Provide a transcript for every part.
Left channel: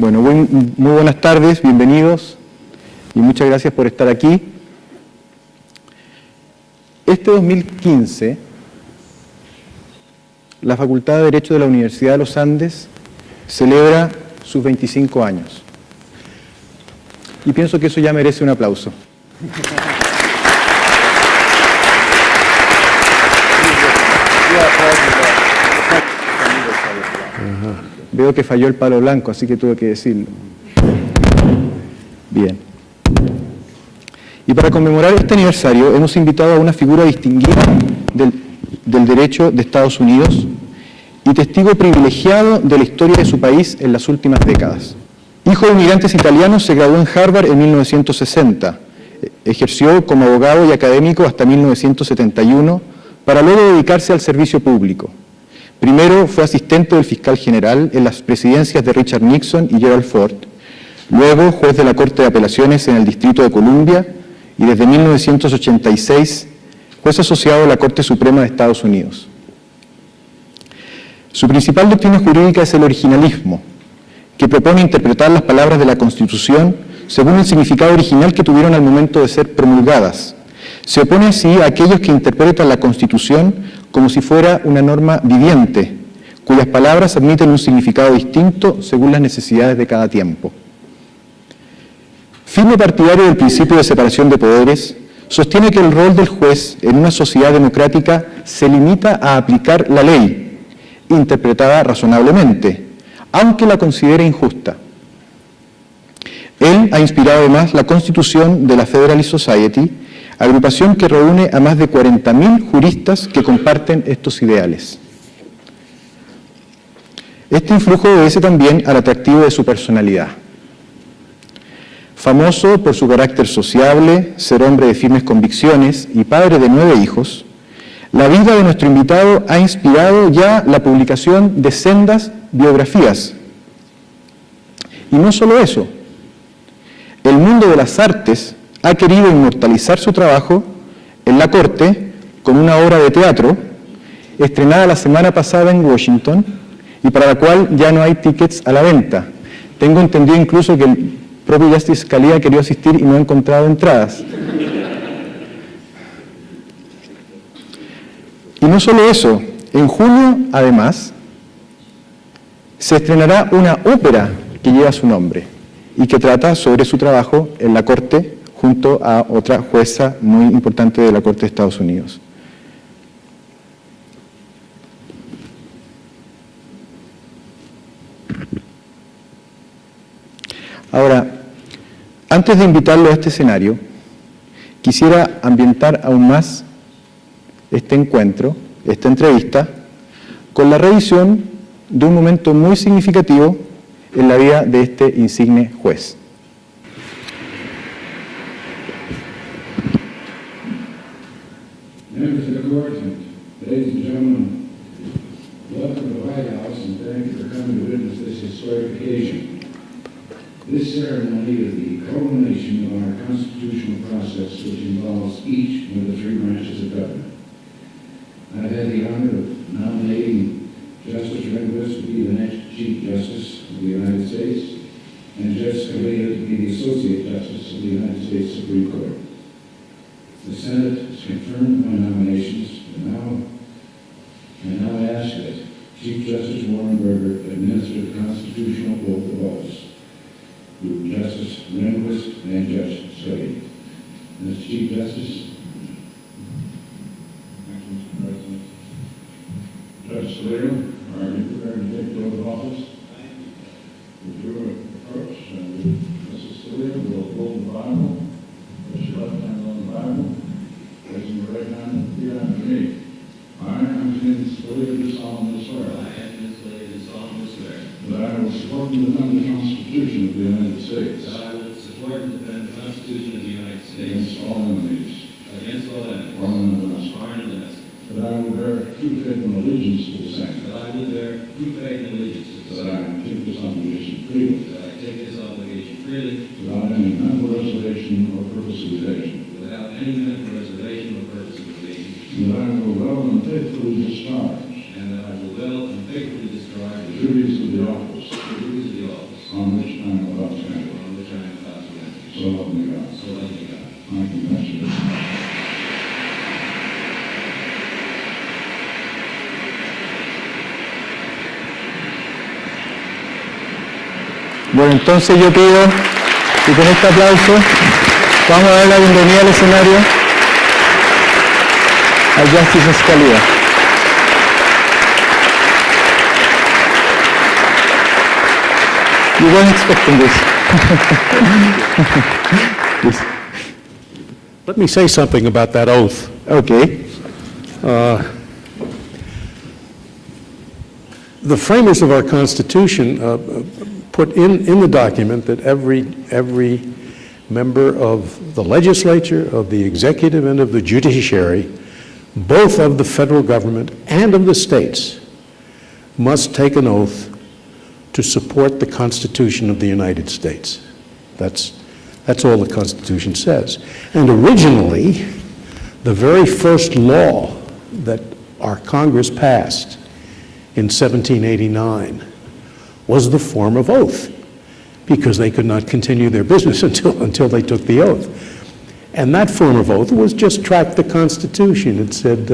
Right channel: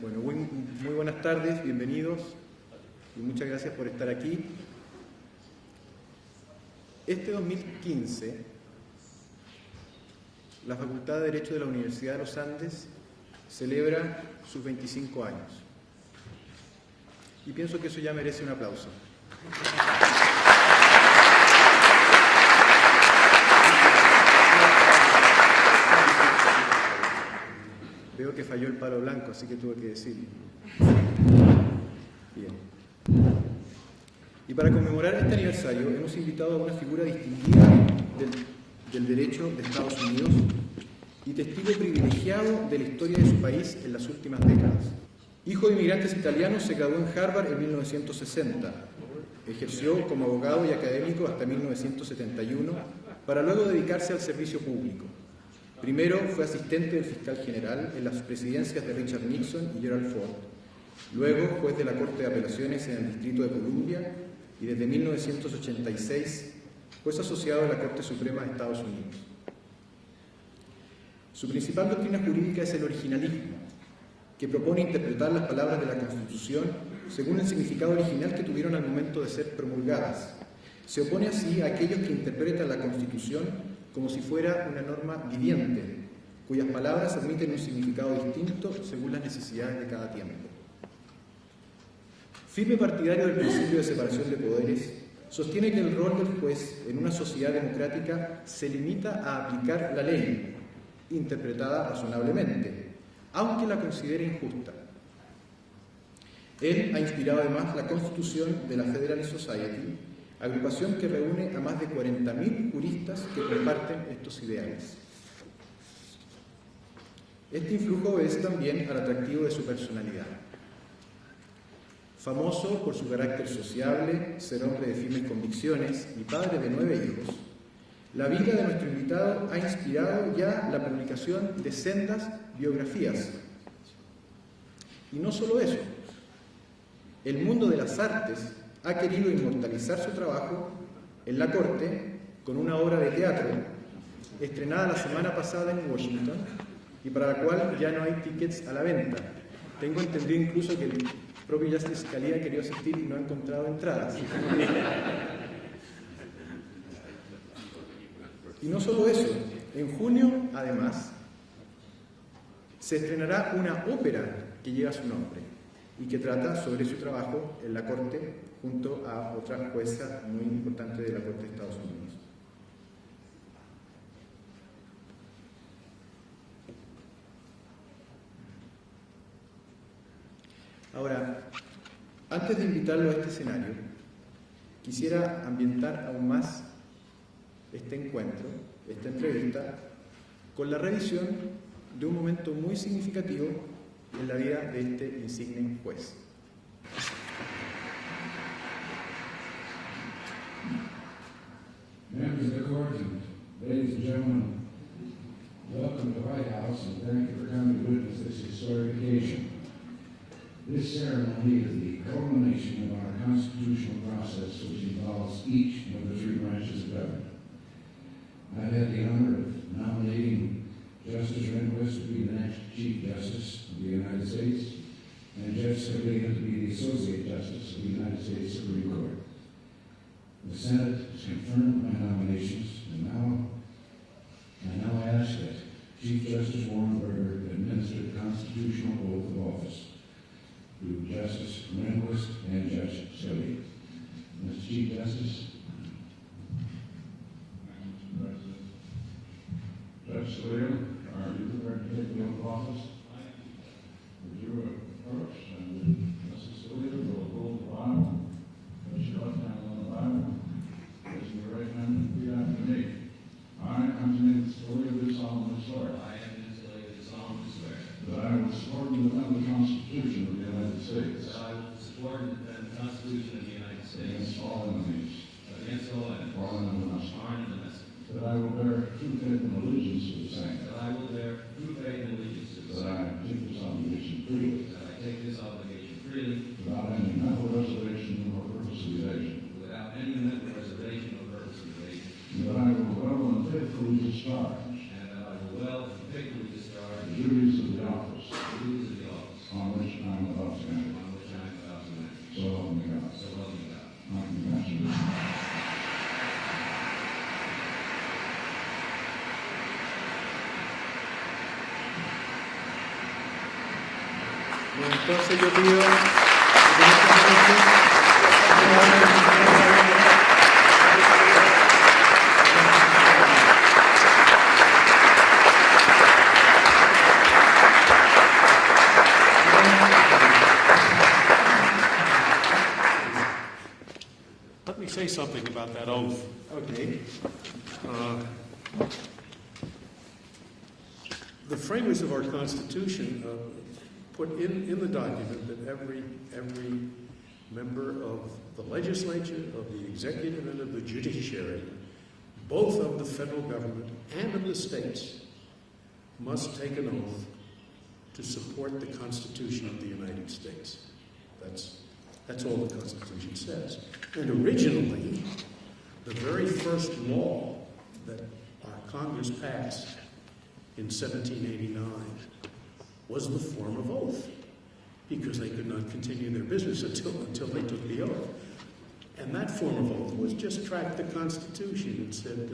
Bueno, muy buenas tardes, bienvenidos y muchas gracias por estar aquí. Este 2015, la Facultad de Derecho de la Universidad de los Andes celebra sus 25 años. Y pienso que eso ya merece un aplauso. Veo que falló el palo blanco, así que tuve que decirlo. Bien. Y para conmemorar este aniversario hemos invitado a una figura distinguida del derecho de Estados Unidos y testigo privilegiado de la historia de su país en las últimas décadas. Hijo de inmigrantes italianos, se graduó en Harvard en 1960. Ejerció como abogado y académico hasta 1971 para luego dedicarse al servicio público. Primero fue asistente del fiscal general en las presidencias de Richard Nixon y Gerald Ford, luego juez de la Corte de Apelaciones en el Distrito de Columbia y desde 1986 juez asociado de la Corte Suprema de Estados Unidos. Su principal doctrina jurídica es el originalismo, que propone interpretar las palabras de la Constitución según el significado original que tuvieron al momento de ser promulgadas. Se opone así a aquellos que interpretan la Constitución como si fuera una norma viviente, cuyas palabras admiten un significado distinto según las necesidades de cada tiempo. Firme partidario del principio de separación de poderes, sostiene que el rol del juez en una sociedad democrática se limita a aplicar la ley, interpretada razonablemente, aunque la considere injusta. Él ha inspirado además la constitución de la Federalist Society, agrupación que reúne a más de 40.000 juristas que comparten estos ideales. Este influjo obedece también al atractivo de su personalidad. Famoso por su carácter sociable, ser hombre de firmes convicciones y padre de 9 hijos, la vida de nuestro invitado ha inspirado ya la publicación de sendas biografías. Y no solo eso, el mundo de las artes ha querido inmortalizar su trabajo en la Corte con una obra de teatro estrenada la semana pasada en Washington y para la cual ya no hay tickets a la venta. Tengo entendido incluso que el propio Justice Scalia quería asistir y no ha encontrado entradas. Y no solo eso, en junio, además, se estrenará una ópera que lleva su nombre y que trata sobre su trabajo en la Corte junto a otra jueza muy importante de la Corte de Estados Unidos. Ahora, antes de invitarlo a este escenario, quisiera ambientar aún más este encuentro, esta entrevista, con la revisión de un momento muy significativo en la vida de este insigne juez. Members of the Court, ladies and gentlemen, welcome to the White House and thank you for coming to witness this historic occasion. This ceremony is the culmination of our constitutional process, which involves each of the 3 branches of government. I've had the honor of nominating Justice Rehnquist to be the next Chief Justice of the United States and Judge Scalia to be the Associate Justice of the United States Supreme Court. The Senate has confirmed my nominations, and now ask that Chief Justice Warren Burger administer the constitutional oath of office to Justice Rehnquist and Judge Scalia. Mr. Chief Justice. Thank you, Mr. President. Judge Scalia, are you prepared to take the oath of office? Would you approach and Mrs. Scalia will hold the Bible. Place your left hand on the Bible, raising your right hand, repeat after me. I, Antonin Scalia, do solemnly swear. I, Antonin Scalia, do solemnly swear. That I will support and defend the Constitution of the United States. That I will support and defend the Constitution of the United States. Against all enemies. Against all enemies. Foreign and domestic. Foreign and domestic. That I will bear true faith and allegiance to the same. That I will bear true faith and allegiance to the same. That I take this obligation freely. That I take this obligation freely. Without any mental reservation or purpose of evasion. Without any mental reservation or purpose of evasion. And that I will well and faithfully discharge. And that I will well and faithfully discharge the duties of the office. The duties of the office. on which I am about to enter. So help me God. I congratulate you. Bueno, entonces yo pido que con este aplauso vamos a dar la bienvenida al escenario a Justice Scalia. You weren't expecting this. Please. Let me say something about that oath. Okay. The framers of our Constitution put in the document that every member of the legislature, of the executive, and of the judiciary, both of the federal government and of the states, must take an oath to support the Constitution of the United States. That's all the Constitution says. And originally, the very first law that our Congress passed in 1789 was the form of oath, because they could not continue their business until they took the oath. And that form of oath was just track the Constitution. It said,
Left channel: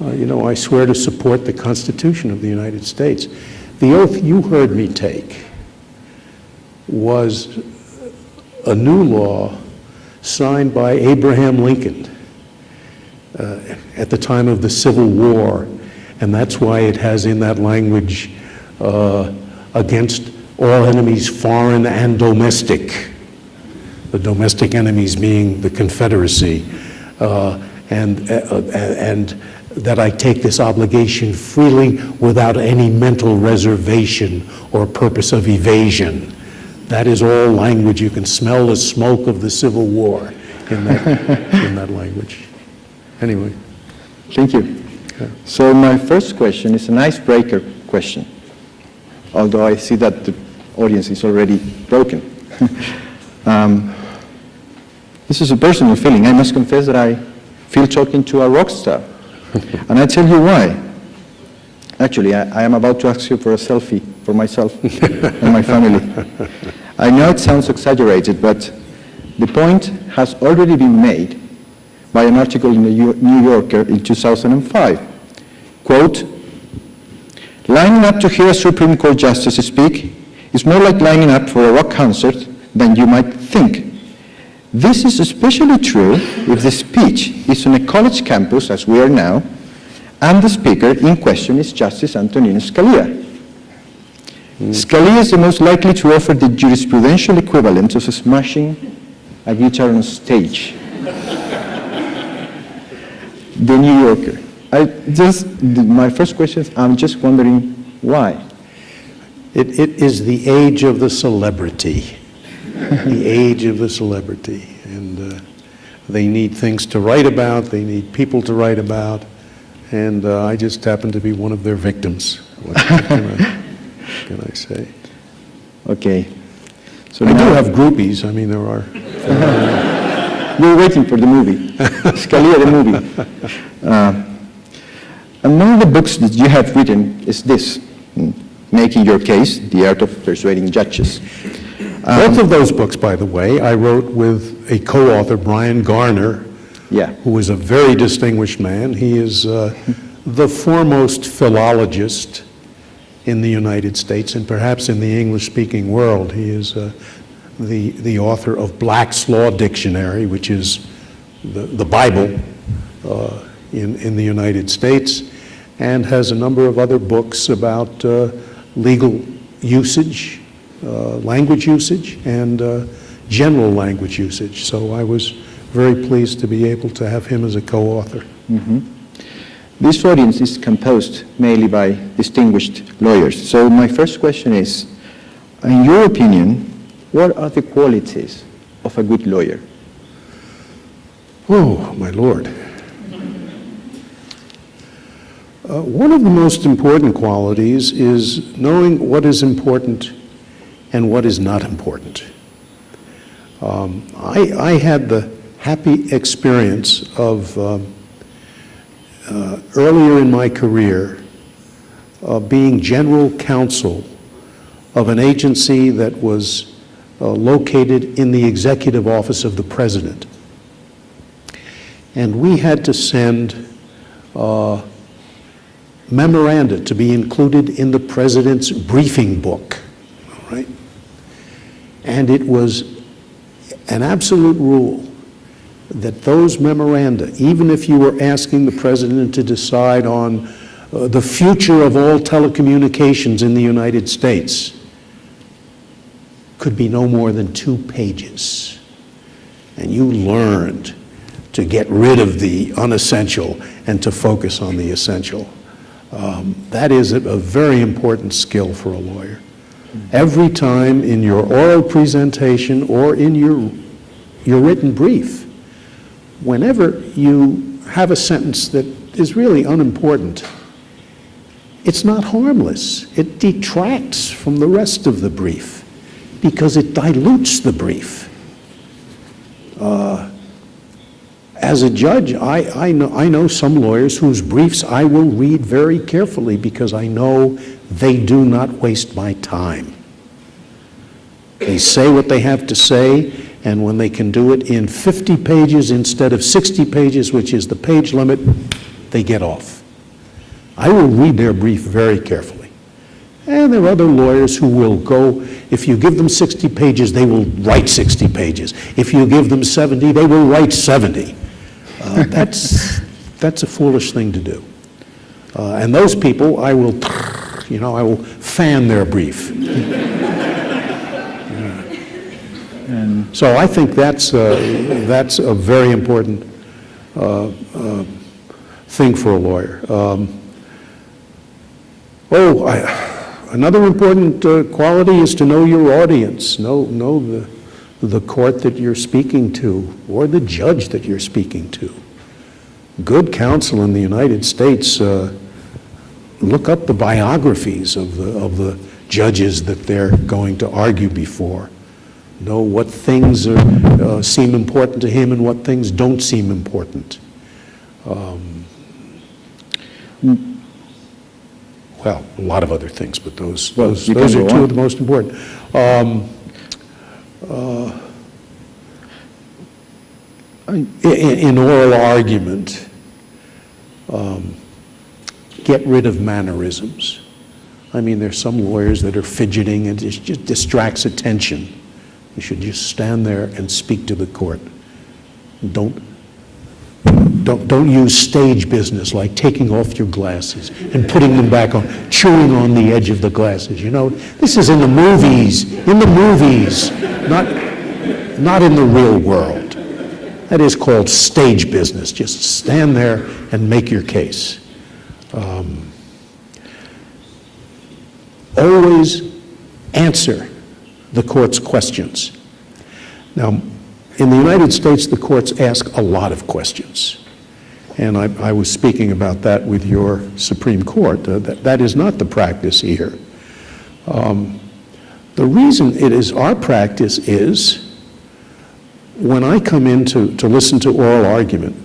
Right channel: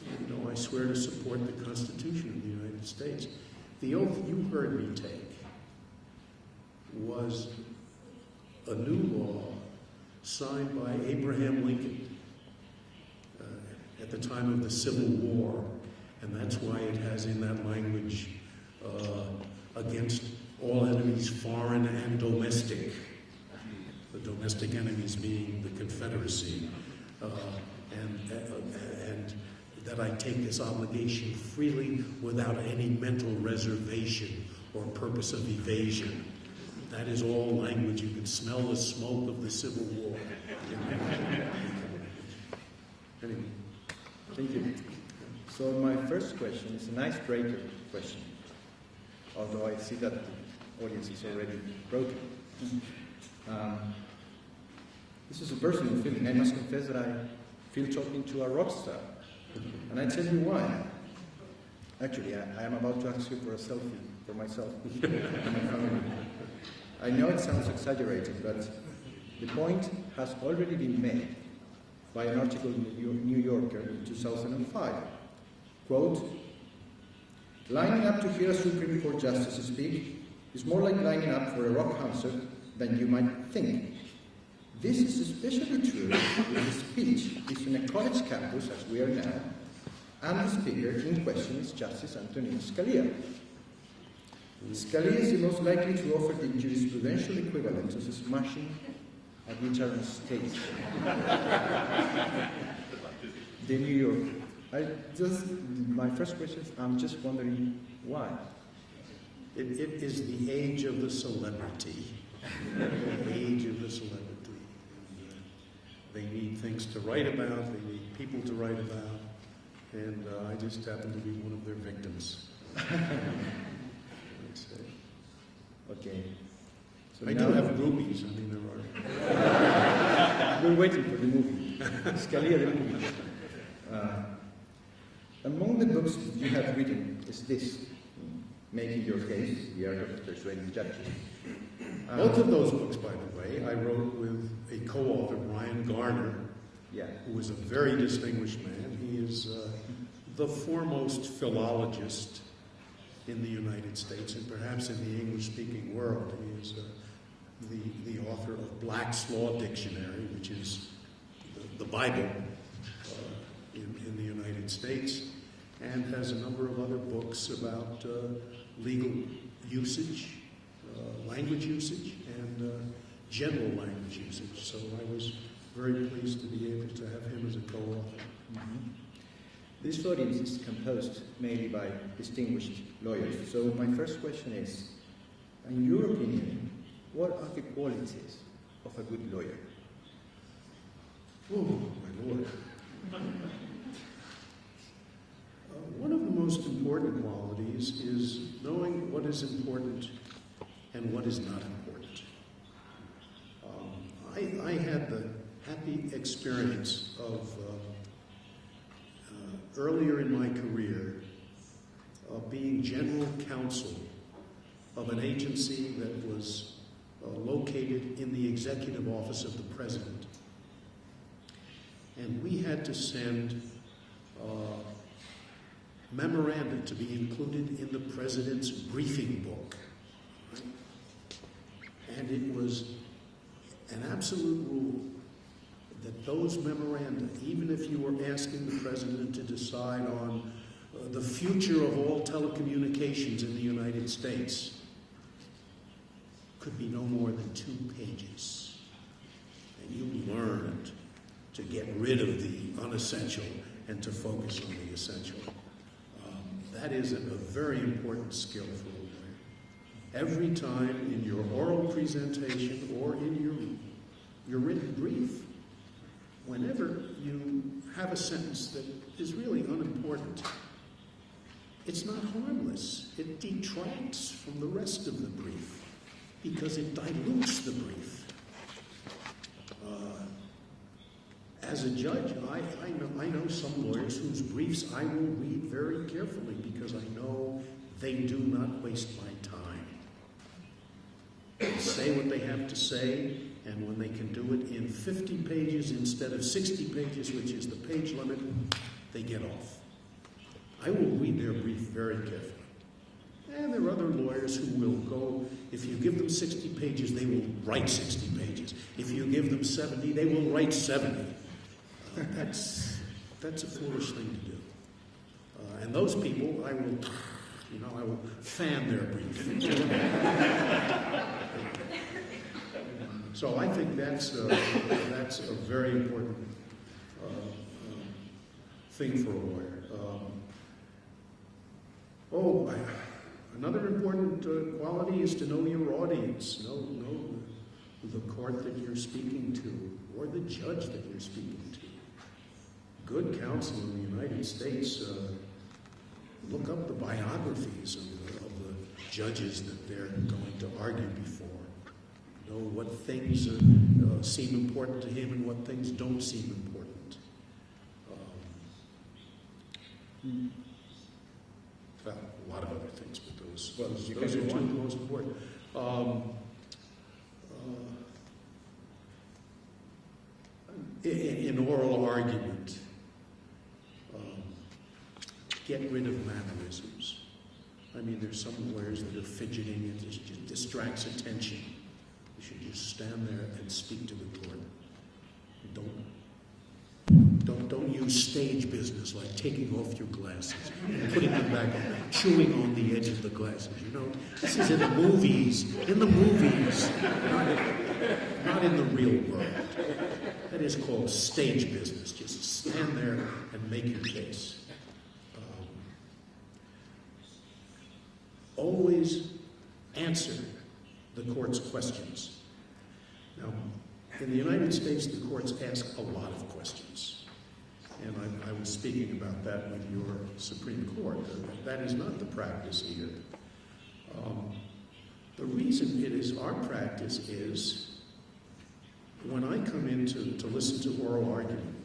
I swear to support the Constitution of the United States. The oath you heard me take was a new law signed by Abraham Lincoln at the time of the Civil War, and that's why it has in that language against all enemies, foreign and domestic, the domestic enemies being the Confederacy, and that I take this obligation freely without any mental reservation or purpose of evasion. That is all language. You can smell the smoke of the Civil War in that language. Anyway. Thank you. Yeah. So my first question is an icebreaker question, although I see that the audience is already broken. This is a personal feeling. I must confess that I feel talking to a rock star. And I tell you why. Actually, I am about to ask you for a selfie for myself and my family. I know it sounds exaggerated, but the point has already been made by an article in the New Yorker in 2005. Quote, lining up to hear a Supreme Court justice speak is more like lining up for a rock concert than you might think. This is especially true if the speech is on a college campus, as we are now, and the speaker in question is Justice Antonin Scalia. Scalia is the most likely to offer the jurisprudential equivalent of smashing a guitar on stage. The New Yorker. My first question is, I'm just wondering why. It is the age of the celebrity. The age of the celebrity. And they need things to write about, they need people to write about, and I just happen to be one of their victims. What can I say? Okay. So I do have groupies. I mean, there are. We're waiting for the movie. Scalia, the movie. And one of the books that you have written is this, Making Your Case, The Art of Persuading Judges. Both of those books, by the way, I wrote with a co-author, Brian Garner, who is a very distinguished man. He is the foremost philologist in the United States and perhaps in the English-speaking world. He is the author of Black's Law Dictionary, which is the Bible in the United States, and has a number of other books about legal usage, language usage, and general language usage. So I was very pleased to be able to have him as a co-author. Mm-hmm. This audience is composed mainly by distinguished lawyers. So my first question is, in your opinion, what are the qualities of a good lawyer? Oh, my Lord. One of the most important qualities is knowing what is important and what is not important. I had the happy experience of earlier in my career being general counsel of an agency that was located in the executive office of the president. And we had to send memoranda to be included in the president's briefing book, all right? And it was an absolute rule that those memoranda, even if you were asking the president to decide on the future of all telecommunications in the United States, could be no more than 2 pages. And you learned to get rid of the unessential and to focus on the essential. That is a very important skill for a lawyer. Every time in your oral presentation or in your written brief, whenever you have a sentence that is really unimportant, it's not harmless. It detracts from the rest of the brief because it dilutes the brief. As a judge, I know some lawyers whose briefs I will read very carefully because I know they do not waste my time. They say what they have to say, and when they can do it in 50 pages instead of 60 pages, which is the page limit, they get off. I will read their brief very carefully. And there are other lawyers who will go, if you give them 60 pages, they will write 60 pages. If you give them 70, they will write 70. That's a foolish thing to do. And those people, I will fan their brief. So I think that's a very important thing for a lawyer. Another important quality is to know your audience, know the court that you're speaking to or the judge that you're speaking to. Good counsel in the United States look up the biographies of the judges that they're going to argue before. Know what things seem important to him and what things don't seem important. Well, a lot of other things, but those are 2 of the most important. In oral argument, get rid of mannerisms. I mean, there's some lawyers that are fidgeting and it just distracts attention. You should just stand there and speak to the court. Don't use stage business like taking off your glasses and putting them back on, chewing on the edge of the glasses. You know, this is in the movies, not in the real world. That is called stage business. Just stand there and make your case. Always answer the court's questions. Now, in the United States, the courts ask a lot of questions. And I was speaking about that with your Supreme Court. That is not the practice here. The reason it is our practice is when I come in to listen to oral argument,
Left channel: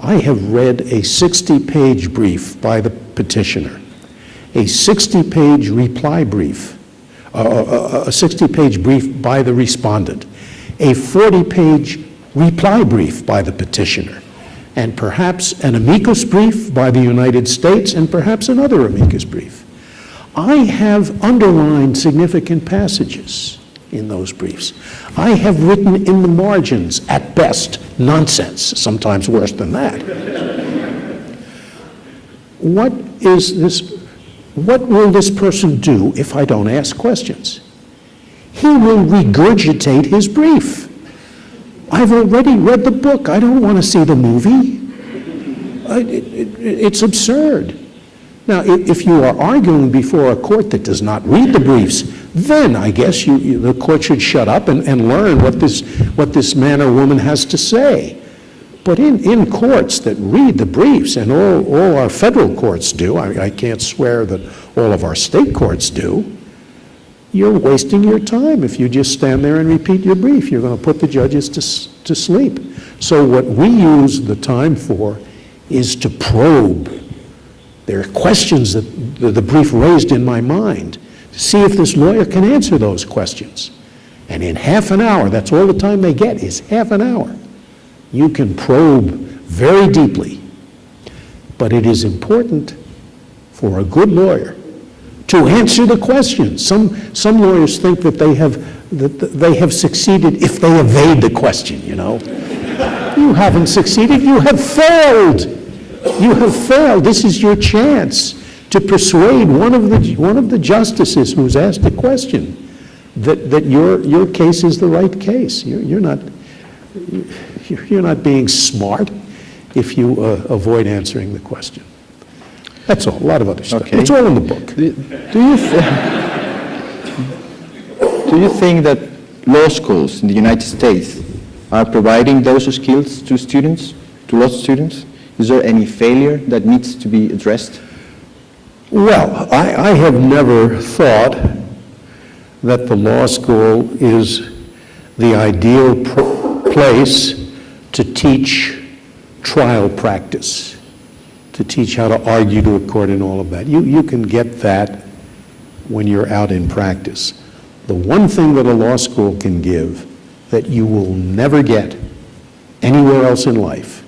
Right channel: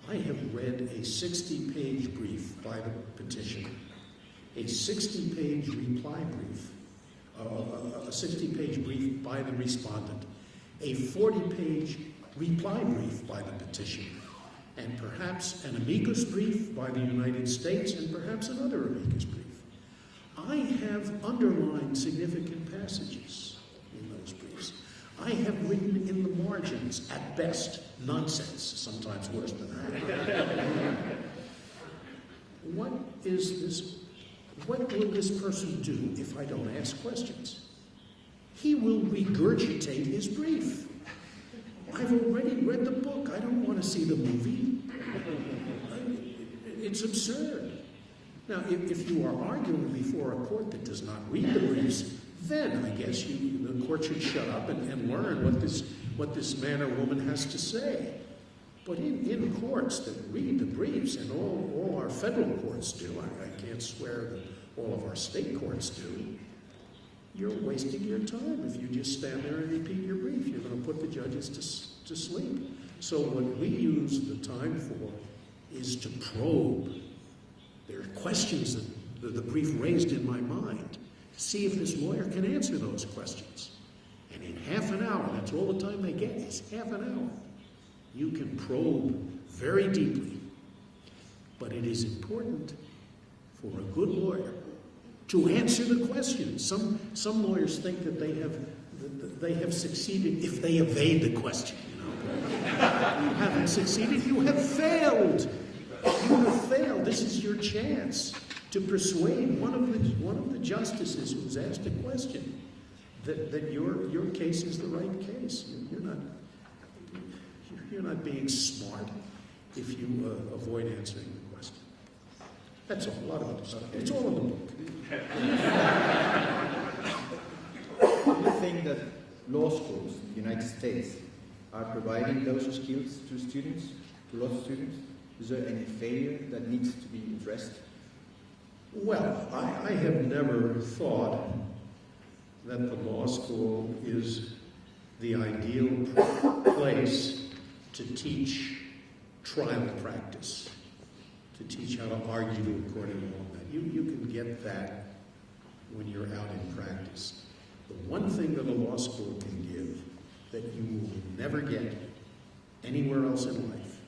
I have read a 60-page brief by the petitioner, a 60-page reply brief, a 60-page brief by the respondent, a 40-page reply brief by the petitioner, and perhaps an amicus brief by the United States, and perhaps another amicus brief. I have underlined significant passages in those briefs. I have written in the margins, at best, nonsense, sometimes worse than that. What will this person do if I don't ask questions? He will regurgitate his brief. I've already read the book. I don't want to see the movie. It's absurd. Now, if you are arguing before a court that does not read the briefs, then I guess the court should shut up and learn what this man or woman has to say. But in courts that read the briefs, and all our federal courts do, I can't swear that all of our state courts do, you're wasting your time if you just stand there and repeat your brief. You're going to put the judges to sleep. So what we use the time for is to probe. There are questions that the brief raised in my mind See if this lawyer can answer those questions. And in half an hour, that's all the time they get, is half an hour. You can probe very deeply. But it is important for a good lawyer to answer the questions. Some lawyers think that they have succeeded if they evade the question, you know. You haven't succeeded, you have failed. You have failed. This is your chance to persuade one of the justices who's asked a question that your case is the right case. You're not being smart if you avoid answering the question. That's all. A lot of other stuff. Okay. It's all in the book. Do you think that law schools in the United States are providing those skills to students, to law students? Is there any failure that needs to be addressed? Well, I have never thought that the law school is the ideal place to teach trial practice, to teach how to argue to a court and all of that. You can get that when you're out in practice. The one thing that a law school can give that you will never get anywhere else in life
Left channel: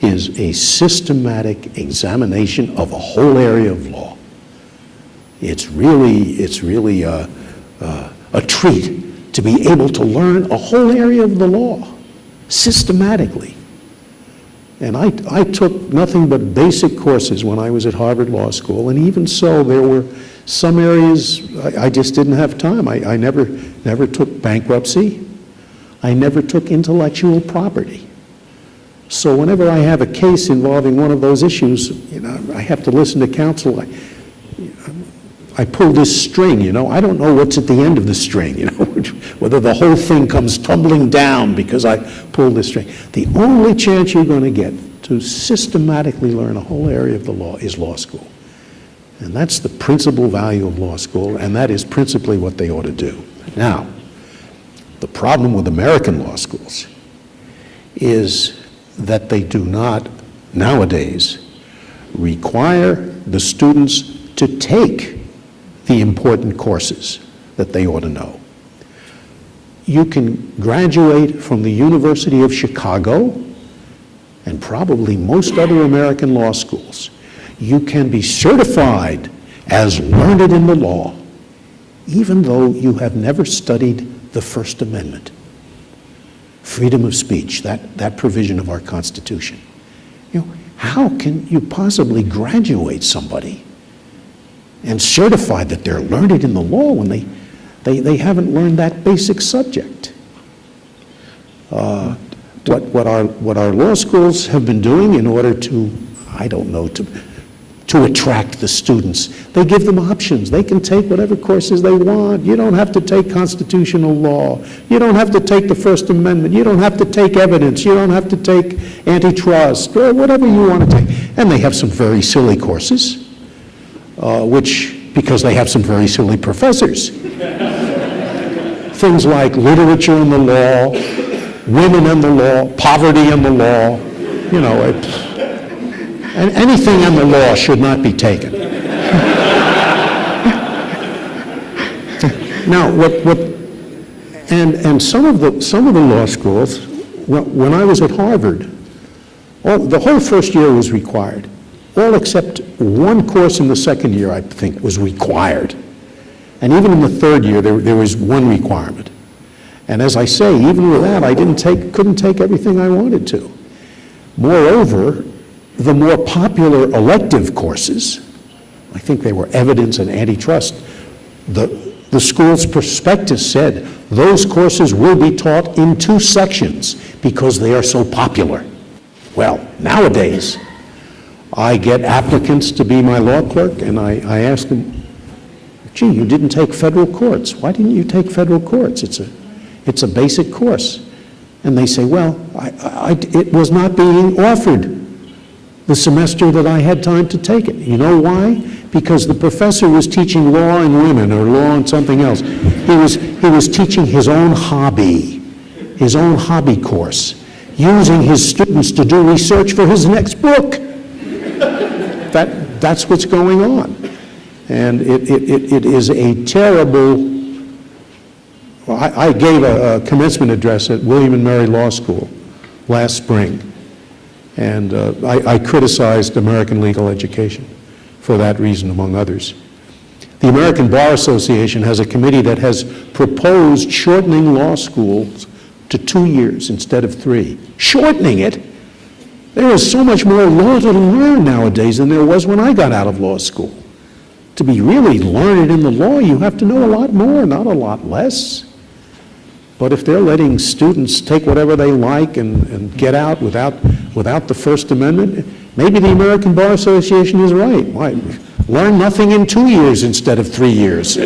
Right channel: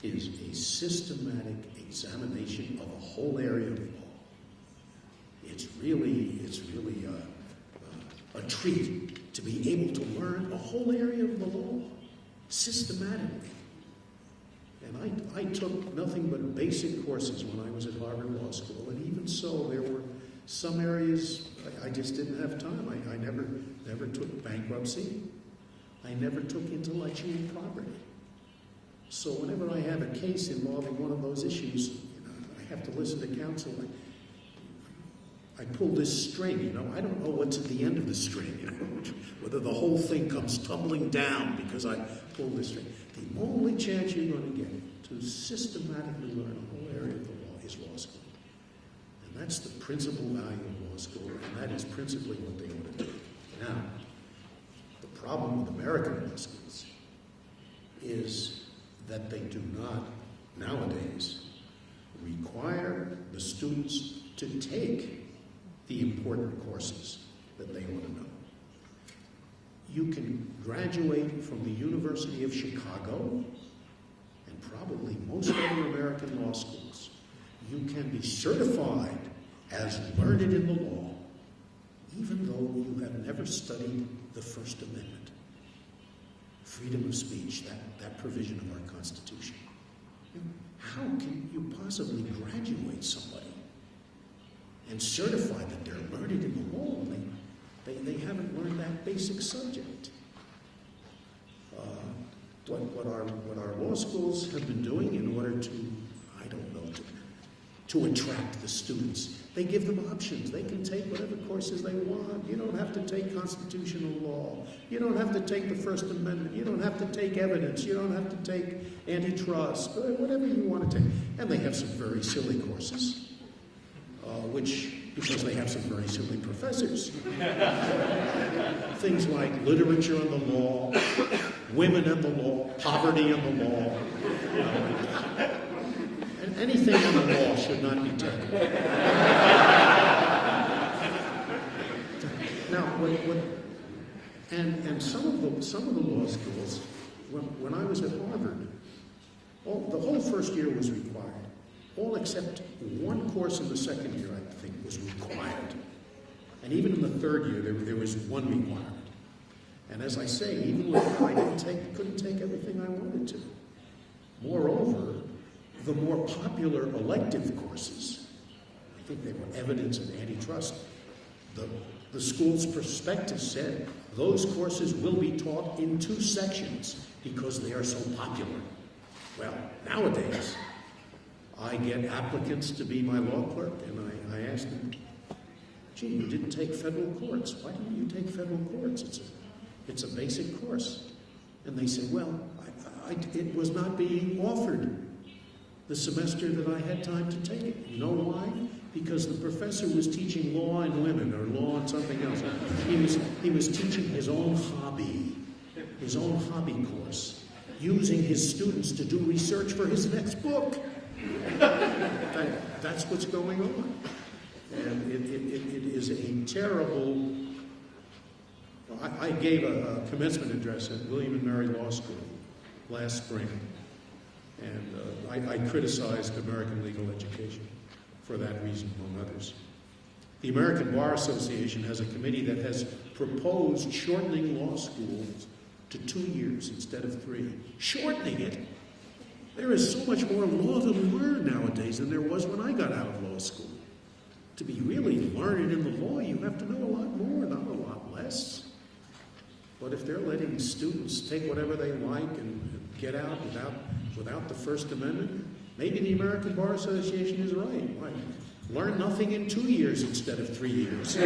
is a systematic examination of a whole area of law. It's really a treat to be able to learn a whole area of the law systematically. And I took nothing but basic courses when I was at Harvard Law School, and even so, there were some areas I just didn't have time. I never took bankruptcy. I never took intellectual property. So whenever I have a case involving one of those issues, you know, I have to listen to counsel. I pull this string, you know. I don't know what's at the end of the string, you know, whether the whole thing comes tumbling down because I pulled this string. The only chance you're going to get to systematically learn a whole area of the law is law school. And that's the principal value of law school, and that is principally what they ought to do. Now, the problem with American law schools is that they do not, nowadays, require the students to take the important courses that they ought to know. You can graduate from the University of Chicago and probably most other American law schools. You can be certified as learned in the law, even though you have never studied the First Amendment. Freedom of speech, that provision of our Constitution. You know, how can you possibly graduate somebody and certify that they're learned in the law when they haven't learned that basic subject? What our law schools have been doing in order to, I don't know, to attract the students, they give them options. They can take whatever courses they want. You don't have to take constitutional law. You don't have to take the First Amendment. You don't have to take evidence. You don't have to take antitrust, or whatever you want to take. And they have some very silly courses, because they have some very silly professors. Things like literature in the law, women in the law, poverty in the law, you know, and anything in the law should not be taken. Now, and some of the law schools, when I was at Harvard, the whole first year was required. All except one course in the second year, I think, was required. And even in the third year, there was one requirement. And as I say, even with that, I couldn't take everything I wanted to. Moreover, the more popular elective courses, I think they were evidence and antitrust, the school's prospectus said those courses will be taught in 2 sections because they are so popular. Well, nowadays, I get applicants to be my law clerk, and I ask them, gee, you didn't take federal courts. Why didn't you take federal courts? It's a basic course. And they say, well, it was not being offered the semester that I had time to take it. You know why? Because the professor was teaching law and women or law and something else. He was teaching his own hobby course, using his students to do research for his next book. That's what's going on. And it is a terrible, well, I gave a commencement address at William and Mary Law School last spring, and I criticized American legal education for that reason, among others. The American Bar Association has a committee that has proposed shortening law schools to 2 years instead of 3. Shortening it? There is so much more law to learn nowadays than there was when I got out of law school. To be really learned in the law, you have to know a lot more, not a lot less. But if they're letting students take whatever they like and get out without the First Amendment, maybe the American Bar Association is right. Why? Learn nothing in 2 years instead of 3 years.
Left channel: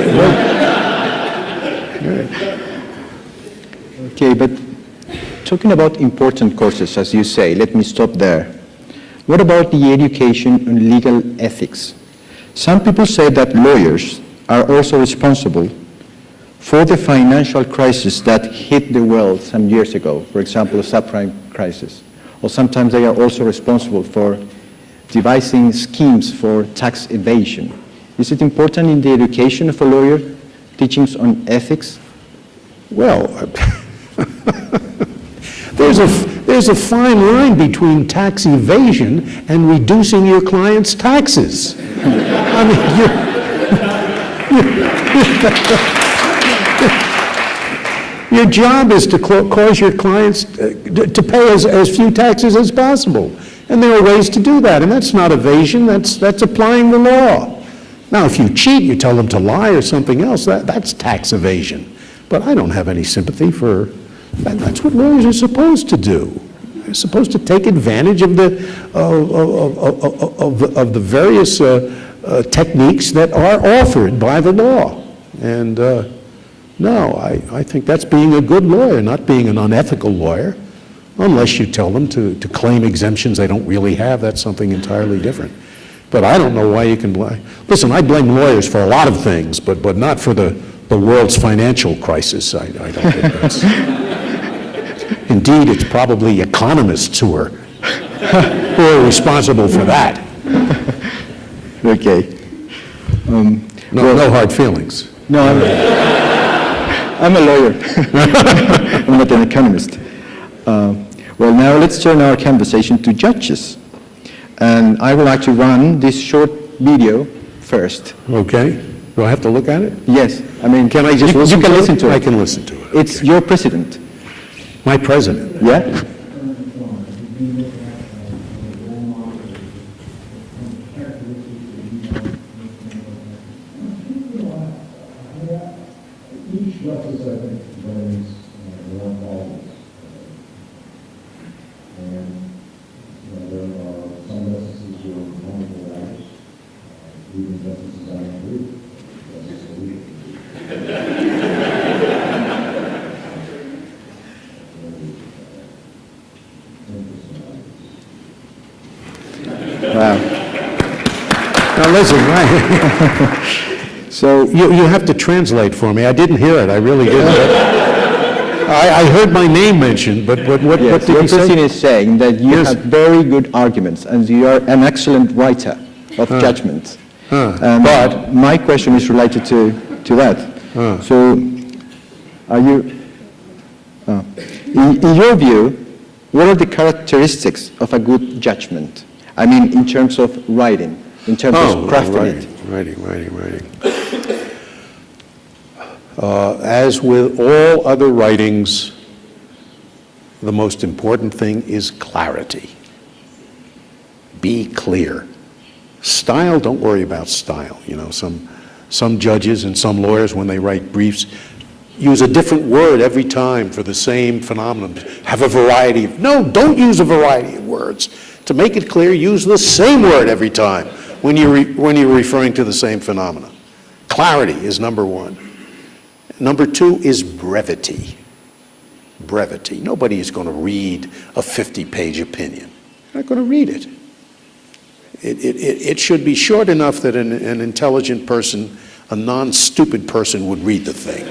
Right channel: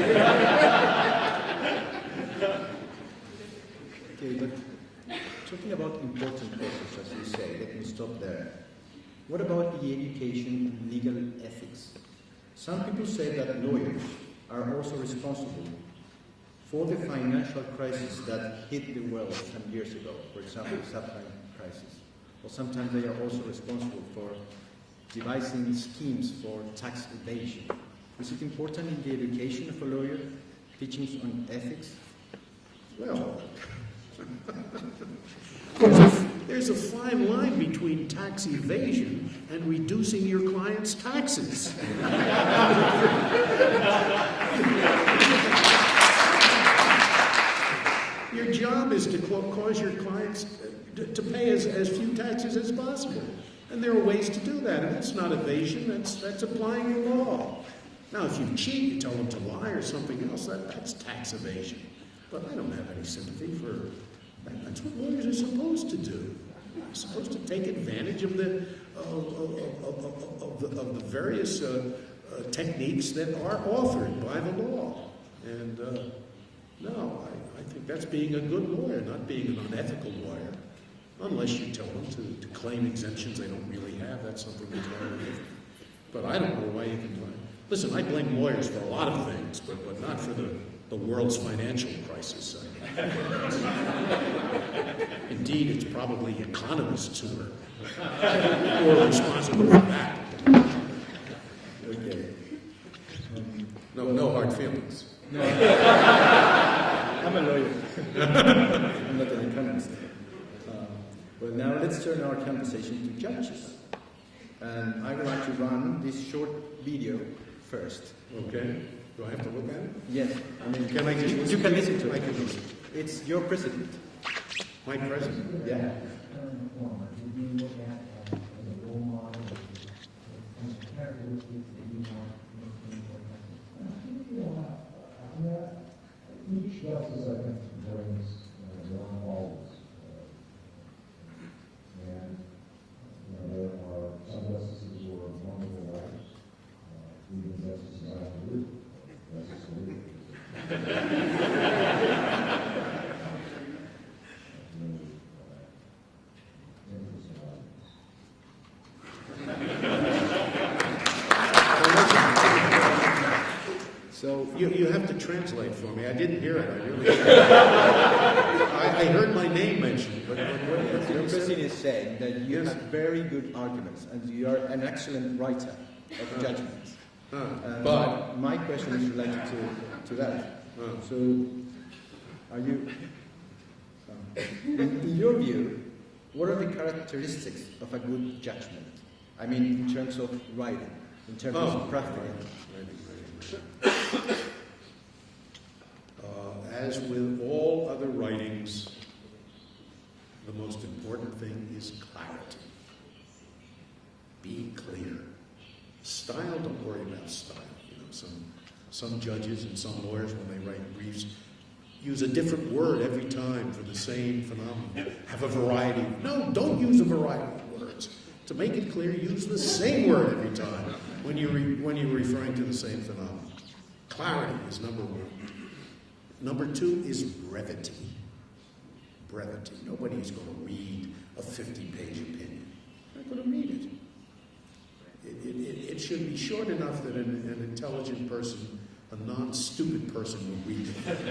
Okay, but talking about important courses, as you say, let me stop there. What about the education on legal ethics? Some people say that lawyers are also responsible for the financial crisis that hit the world some years ago, for example, the subprime crisis. Or sometimes they are also responsible for devising schemes for tax evasion. Is it important in the education of a lawyer, teachings on ethics? Well, there's a fine line between tax evasion and reducing your client's taxes. I mean, your job is to cause your clients to pay as few taxes as possible. And there are ways to do that, and that's not evasion, that's applying the law. Now, if you cheat, you tell them to lie or something else, that's tax evasion. But I don't have any sympathy for that. That's what lawyers are supposed to do. They're supposed to take advantage of the various techniques that are offered by the law. And no, I think that's being a good lawyer, not being an unethical lawyer. Unless you tell them to claim exemptions they don't really have, that's something entirely different. But I don't know why you can blame. Listen, I blame lawyers for a lot of things, but not for the world's financial crisis. I don't think that's. Indeed, it's probably economists who are responsible for that. Okay. No hard feelings. No, I'm a lawyer. I'm not an economist. Well, now let's turn our conversation to judges. And I would like to run this short video first. Okay. Do I have to look at it? Yes. I mean, Can I just listen you can to it? listen to it. I can listen to it. It's your president. My president. Yeah? Each justice, I think, brings their own qualities. And there are some justices who are wonderful writers, even justices I agree with, Justice Scalia. Wow. Now listen, right? So you have to translate for me. I didn't hear it. I really didn't. I heard my name mentioned, but what Yes, did your he say? president is saying that you Yes. have very good arguments and you are an excellent writer of judgment. But my question is related to that. So, are you, in your view, what are the characteristics of a good judgment? I mean, in terms of writing, in terms of crafting it. Writing. As with all other writings, the most important thing is clarity. Be clear. Style, don't worry about style. You know, some judges and some lawyers, when they write briefs, use a different word every time for the same phenomenon. Have a variety of, no, don't use a variety of words. To make it clear, use the same word every time when you're referring to the same phenomenon. Clarity is number one. Number two is brevity. Brevity. Nobody is going to read a 50-page opinion. They're not going to read it. It should be short enough that an intelligent person, a non-stupid person, would read the thing.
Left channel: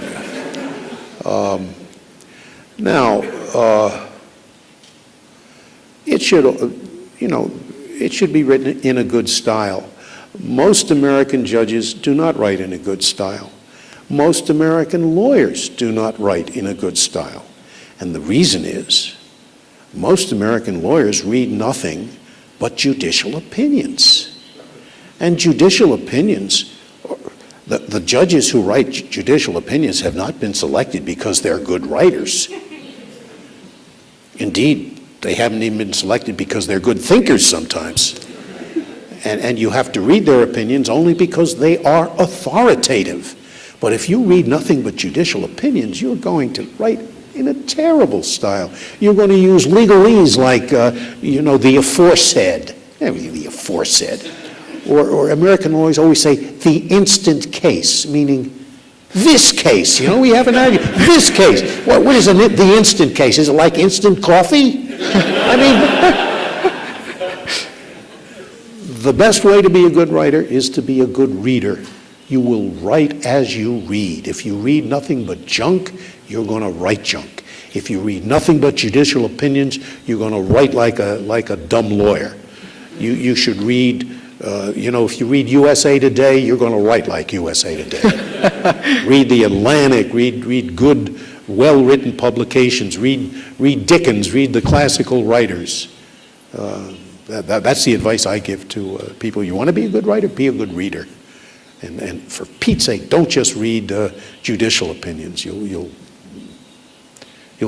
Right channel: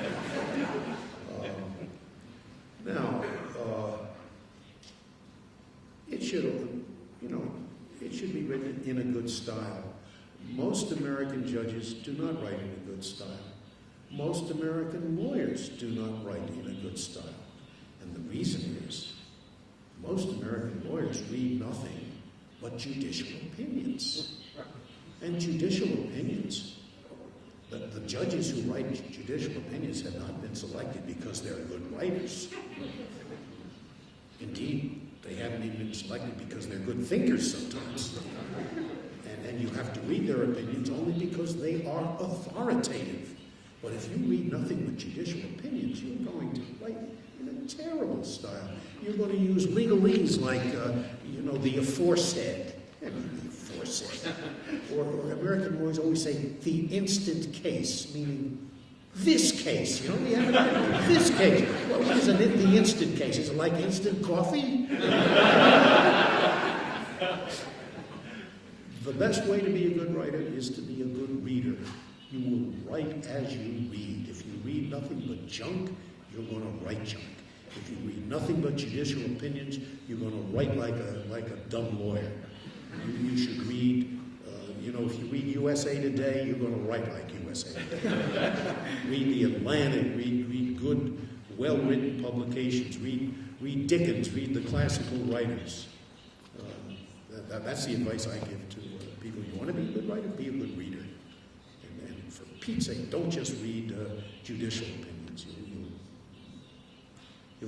It should, it should be written in a good style. Most American judges do not write in a good style. Most American lawyers do not write in a good style. And the reason is, most American lawyers read nothing but judicial opinions. And judicial opinions, the judges who write judicial opinions have not been selected because they're good writers. Indeed, they haven't even been selected because they're good thinkers sometimes. And you have to read their opinions only because they are authoritative. But if you read nothing but judicial opinions, you're going to write in a terrible style. You're going to use legalese like, the aforesaid. The aforesaid. Or American lawyers always say the instant case, meaning this case. We haven't argued. This case. What is the instant case? Is it like instant coffee? The best way to be a good writer is to be a good reader. You will write as you read. If you read nothing but junk, you're going to write junk. If you read nothing but judicial opinions, you're going to write like a dumb lawyer. You should read, if you read USA Today, you're going to write like USA Today. Read The Atlantic, read good, well-written publications, read Dickens, read the classical writers. That's the advice I give to people. You want to be a good writer? Be a good reader. And for Pete's sake, don't just read judicial opinions. You'll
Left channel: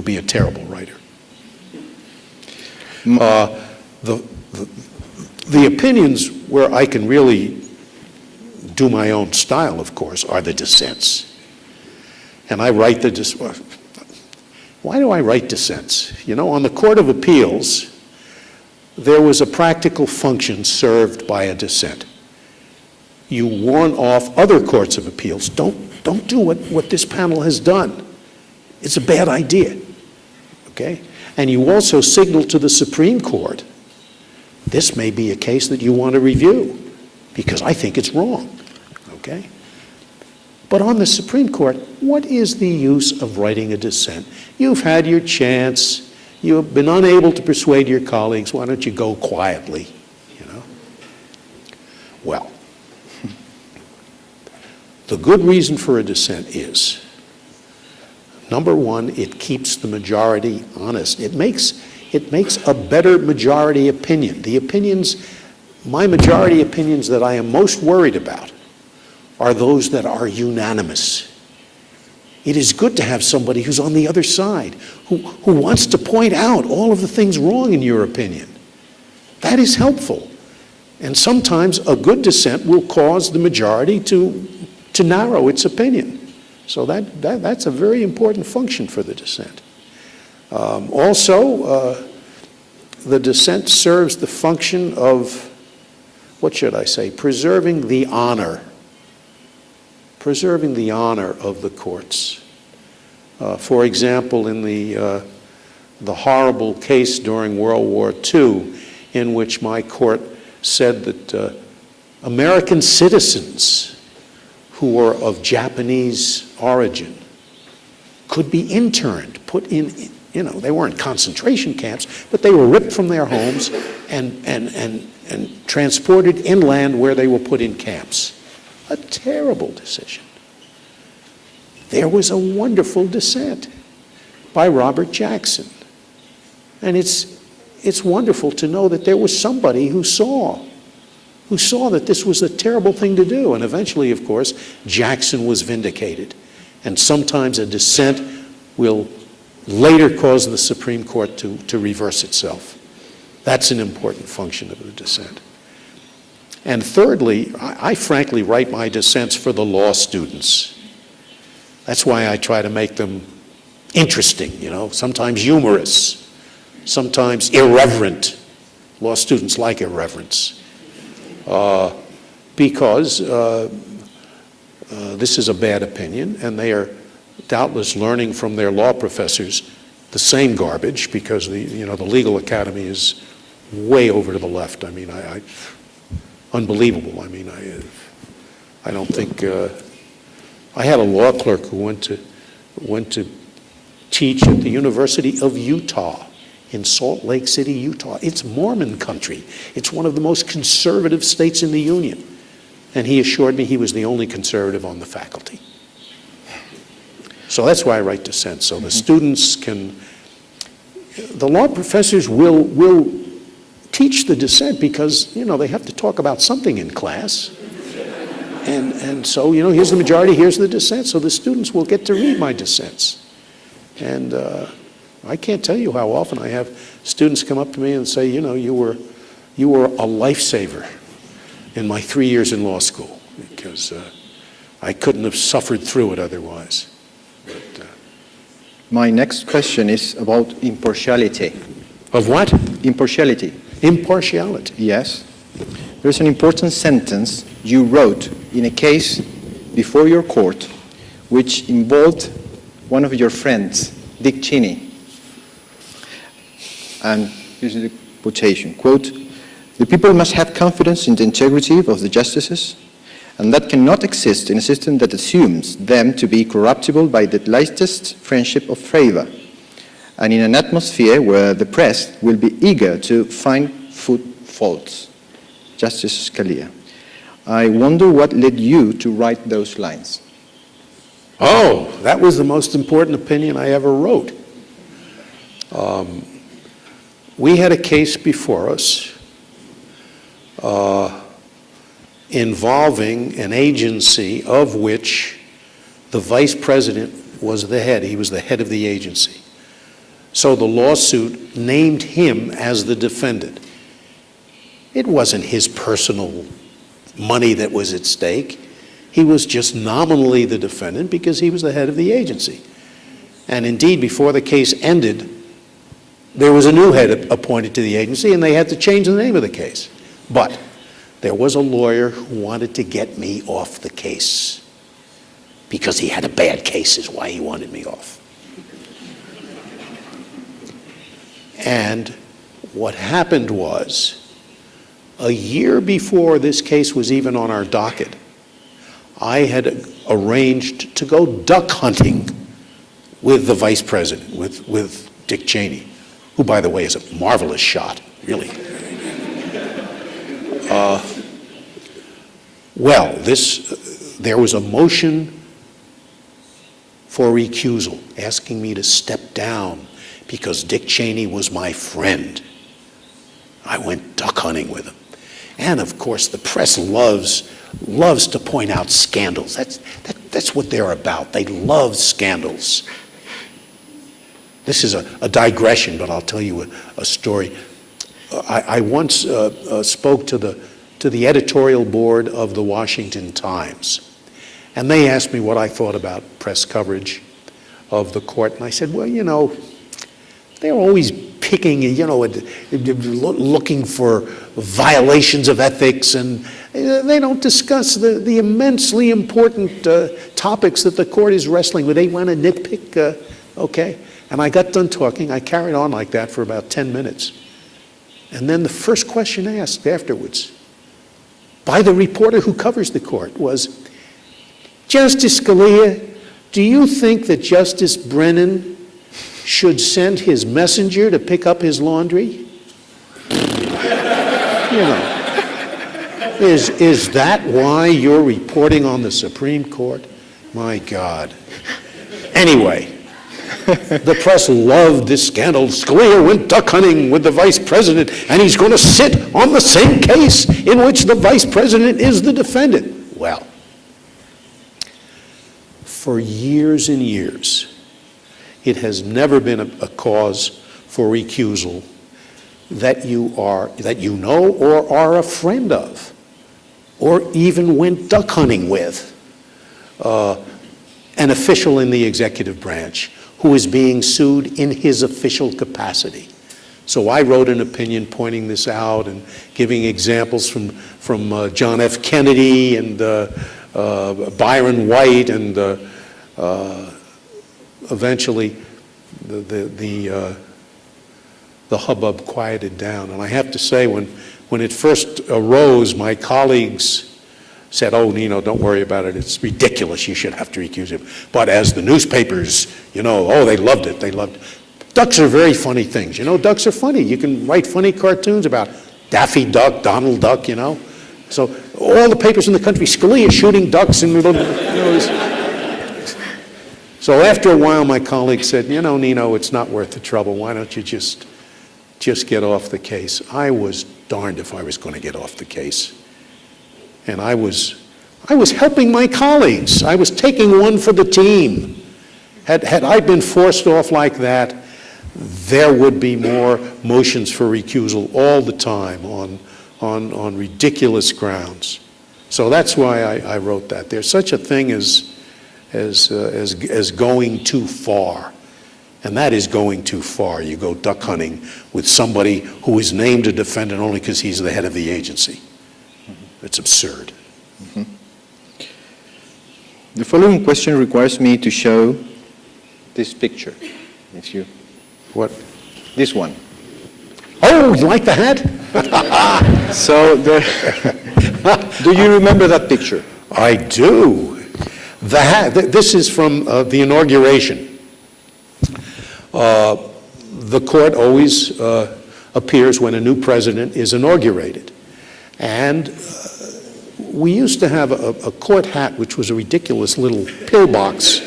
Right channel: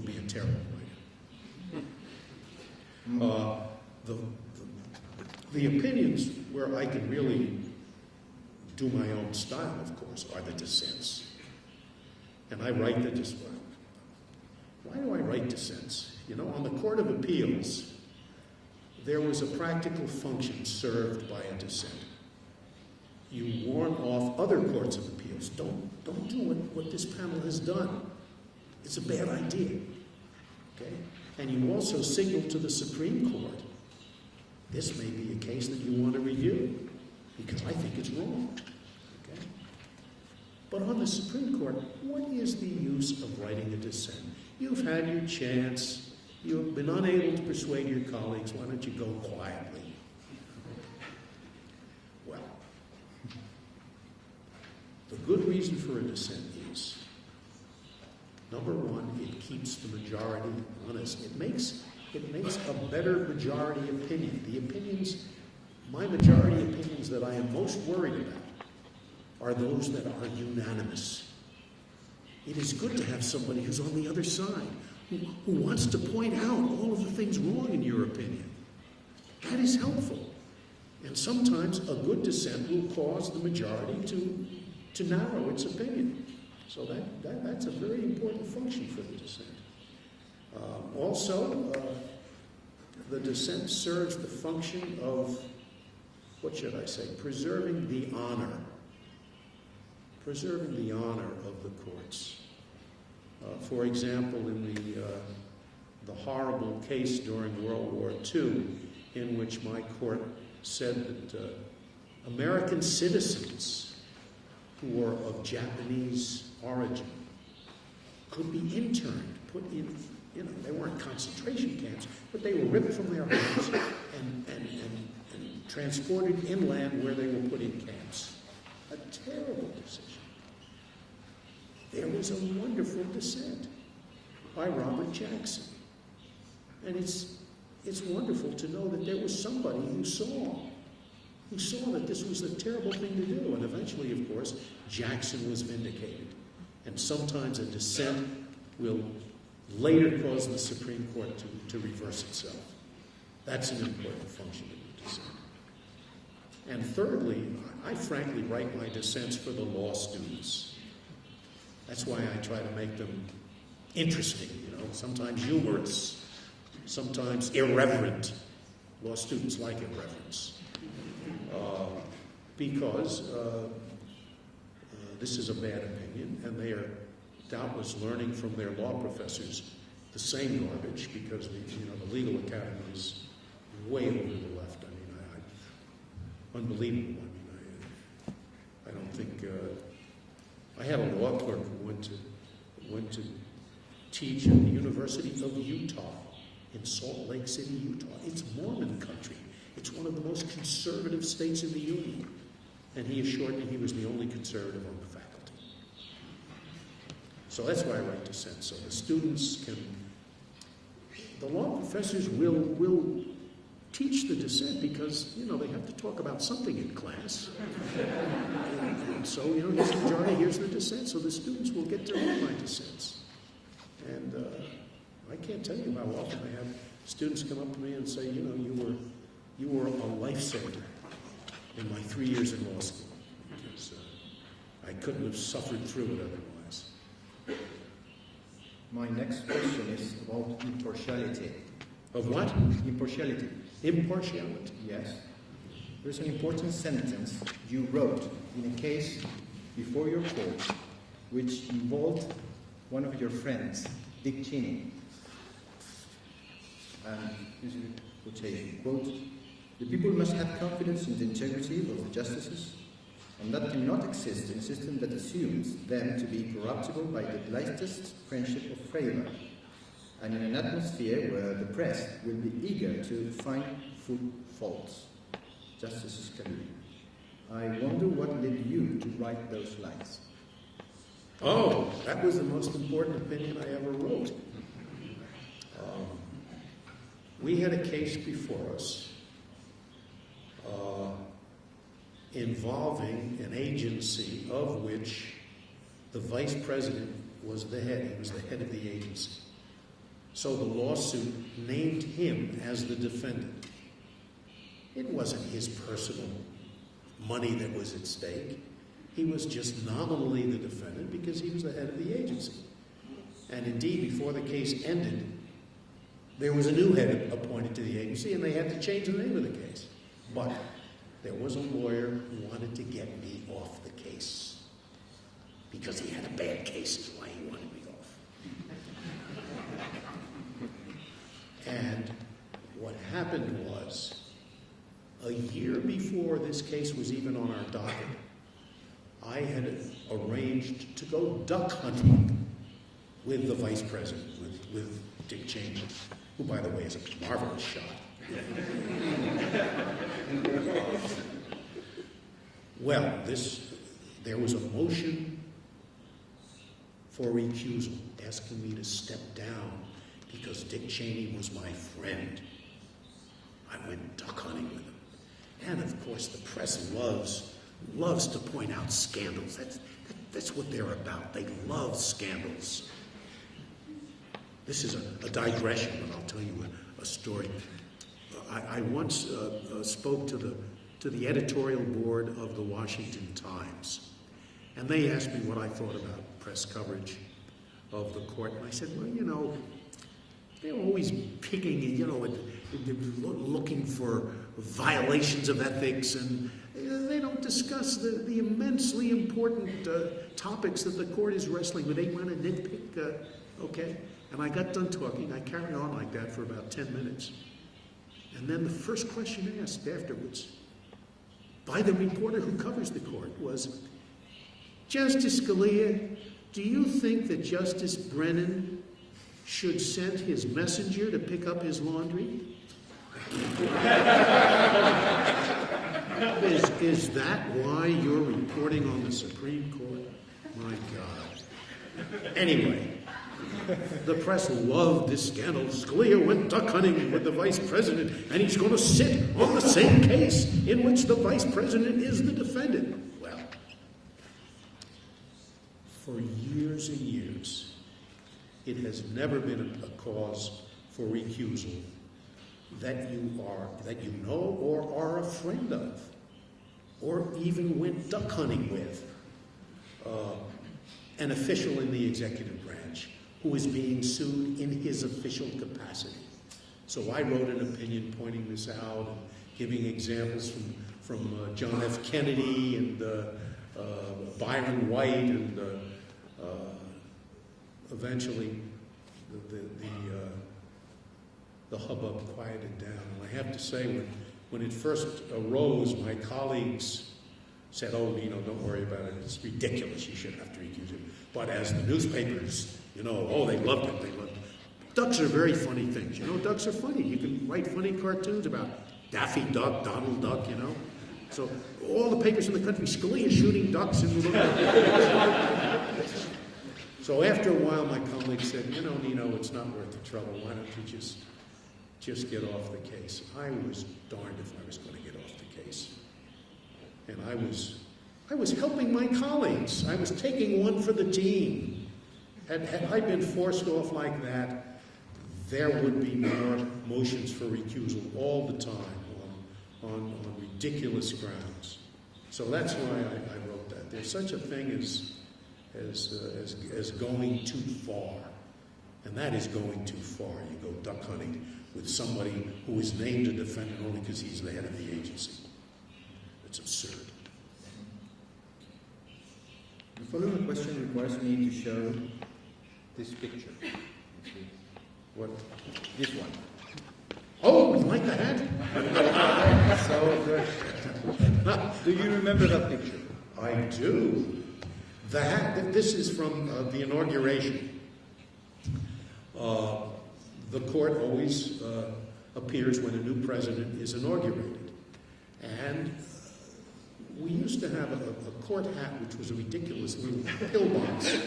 be a terrible writer. The opinions where I can really do my own style, of course, are the dissents. And I write why do I write dissents? On the Court of Appeals, there was a practical function served by a dissent. You warn off other courts of appeals. Don't do what this panel has done. It's a bad idea, okay? And you also signal to the Supreme Court, this may be a case that you want to review because I think it's wrong, okay? But on the Supreme Court, what is the use of writing a dissent? You've had your chance. You've been unable to persuade your colleagues. Why don't you go quietly, Well, the good reason for a dissent is, number one, it keeps the majority honest. It makes a better majority opinion. My majority opinions that I am most worried about are those that are unanimous. It is good to have somebody who's on the other side, who wants to point out all of the things wrong in your opinion. That is helpful. And sometimes a good dissent will cause the majority to narrow its opinion. So that's a very important function for the dissent. Also, the dissent serves the function of, preserving the honor. Preserving the honor of the courts. For example, in the horrible case during World War II, in which my court said that American citizens who were of Japanese origin could be interned, put in, they weren't concentration camps, but they were ripped from their homes and transported inland where they were put in camps. A terrible decision. There was a wonderful dissent by Robert Jackson. And it's wonderful to know that there was somebody who saw that this was a terrible thing to do. And eventually, of course, Jackson was vindicated. And sometimes a dissent will later cause the Supreme Court to reverse itself. That's an important function of the dissent. And thirdly, I frankly write my dissents for the law students. That's why I try to make them interesting, sometimes humorous, sometimes irreverent. Law students like irreverence. Because this is a bad opinion, and they are doubtless learning from their law professors the same garbage, because the legal academy is way over to the left. Unbelievable. I don't think. I had a law clerk who went to teach at the University of Utah in Salt Lake City, Utah. It's Mormon country. It's one of the most conservative states in the Union. and he assured me he was the only conservative on the faculty. So that's why I write dissent, so the students can, the law professors will teach the dissent because, you know, they have to talk about something in class. And so, you know, here's the majority, here's the dissent, so the students will get to read my dissents. And I can't tell you how often I have students come up to me and say, you know, you were a lifesaver in my 3 years in law school, because I couldn't have suffered through it otherwise. My next question is about impartiality. Of what? Impartiality. Impartiality. Yes. There's an important sentence you wrote in a case before your court which involved one of your friends, Dick Cheney. And here's the quotation, quote, "The people must have confidence in the integrity of the justices, and that cannot exist in a system that assumes them to be corruptible by the lightest friendship of favor, and in an atmosphere where the press will be eager to find faults." Justice Scalia. I wonder what led you to write those lines. Oh, that was the most important opinion I ever wrote. We had a case before us involving an agency of which the vice president was the head. He was the head of the agency. So the lawsuit named him as the defendant. It wasn't his personal money that was at stake. He was just nominally the defendant because he was the head of the agency. And indeed, before the case ended, there was a new head appointed to the agency, and they had to change the name of the case. But there was a lawyer who wanted to get me off the case because he had a bad case, is why he wanted me off. And what happened was, a year before this case was even on our docket, I had arranged to go duck hunting with the vice president, with Dick Cheney, who, by the way, is a marvelous shot, really. There was a motion for recusal, asking me to step down because Dick Cheney was my friend. I went duck hunting with him. And of course, the press loves to point out scandals. That's what they're about. They love scandals. This is a digression, but I'll tell you a story. I once spoke to the editorial board of the Washington Times, and they asked me what I thought about press coverage of the court, and I said, well, you know, they're always picking, you know, looking for violations of ethics, and they don't discuss the immensely important topics that the court is wrestling with. They want to nitpick, okay? And I got done talking. I carried on like that for about 10 minutes. And then the first question asked afterwards by the reporter who covers the court was, Justice Scalia, do you think that Justice Brennan should send his messenger to pick up his laundry? You know, is that why you're reporting on the Supreme Court? My God. Anyway, the press loved this scandal. Scalia went duck hunting with the vice president, and he's going to sit on the same case in which the vice president is the defendant. Well, for years and years, it has never been a cause for recusal that you know or are a friend of, or even went duck hunting with an official in the executive branch who is being sued in his official capacity. So I wrote an opinion pointing this out and giving examples from John F. Kennedy and Byron White, and eventually the hubbub quieted down. And I have to say, when it first arose, my colleagues said, oh, Nino, don't worry about it. It's ridiculous. You should have to recuse him. But as the newspapers, you know, oh, they loved it. They loved it. Ducks are very funny things. You know, ducks are funny. You can write funny cartoons about Daffy Duck, Donald Duck, you know. So all the papers in the country, Scalia shooting ducks and so after a while, my colleague said, you know, Nino, it's not worth the trouble. Why don't you just get off the case? I was darned if I was going to get off the case. And I was helping my colleagues. I was taking one for the team. Had I been forced off like that, there would be more motions for recusal all the time on ridiculous grounds. So that's why I wrote that. There's such a thing as going too far. And that is going too far. You go duck hunting with somebody who is named a defendant only because he's the head of the agency. It's absurd. Mm-hmm. The following question requires me to show this picture. If you... What? This one. Oh, you like the hat? So, do you remember that picture? I do. The hat, this is from the inauguration. The court always appears when a new president is inaugurated. And we used to have a court hat, which was a ridiculous little pillbox,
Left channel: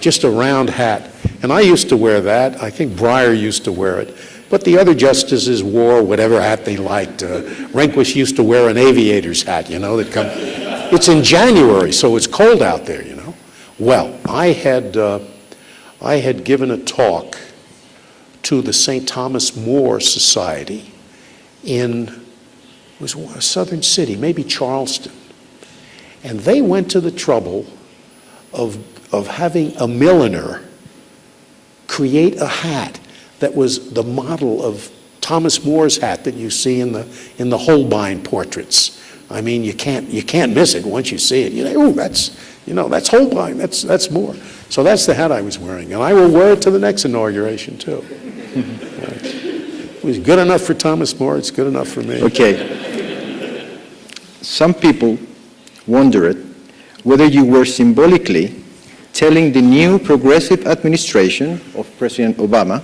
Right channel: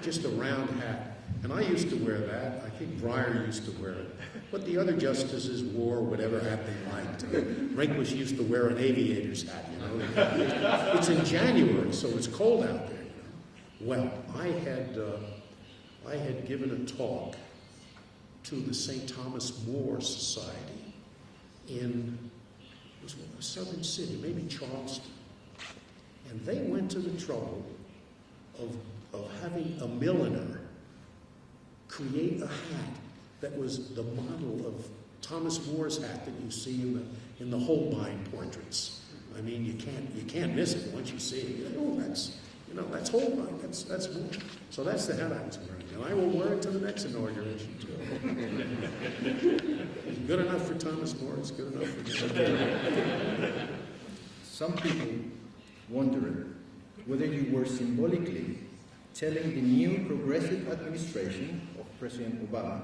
just a round hat. And I used to wear that. I think Breyer used to wear it. But the other justices wore whatever hat they liked. Rehnquist used to wear an aviator's hat, you know. It's in January, so it's cold out there, you know. Well, I had given a talk to the St. Thomas More Society in, it was a southern city, maybe Charleston. And they went to the trouble of having a milliner create a hat that was the model of Thomas More's hat that you see in the Holbein portraits. I mean, you can't miss it once you see it. You know, oh, that's Holbein, that's Moore. So that's the hat I was wearing, and I will wear it to the next inauguration too. It was good enough for Thomas More, it's good enough for me. Okay. Some people wondered whether you were symbolically telling the new progressive administration of President Obama,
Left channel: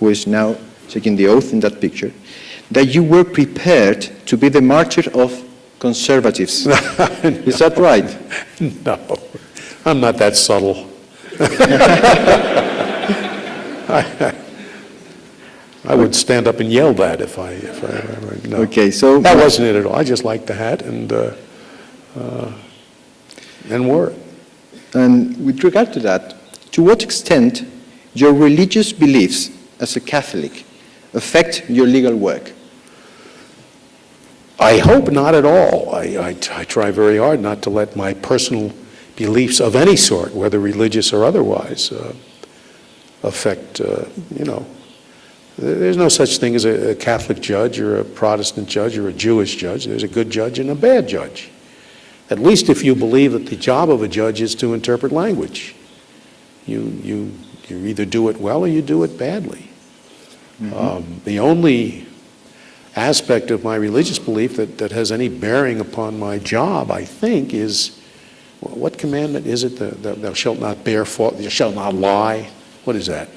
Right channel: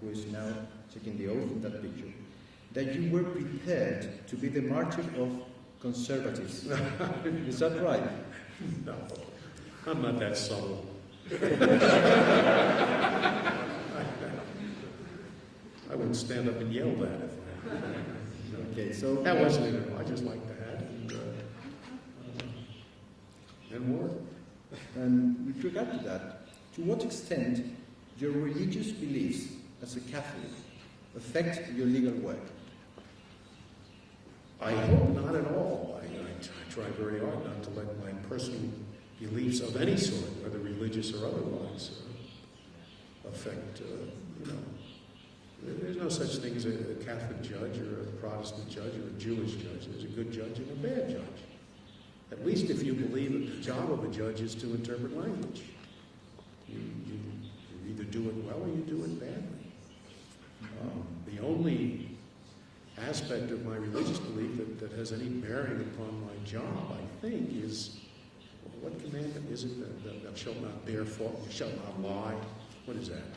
who is now taking the oath in that picture, that you were prepared to be the martyr of conservatives. Is that right? No, I'm not that subtle. I would stand up and yell that if I no. Okay, so that wasn't it at all. I just liked the hat and wore it. And with regard to that, to what extent your religious beliefs as a Catholic affect your legal work? I hope not at all. I try very hard not to let my personal beliefs of any sort, whether religious or otherwise, affect, you know. There's no such thing as a Catholic judge or a Protestant judge or a Jewish judge. There's a good judge and a bad judge. At least if you believe that the job of a judge is to interpret language. You either do it well or you do it badly. Mm-hmm. The only aspect of my religious belief that has any bearing upon my job, I think, is, what commandment is it? Thou shalt not bear false, thou shalt not lie. What is that?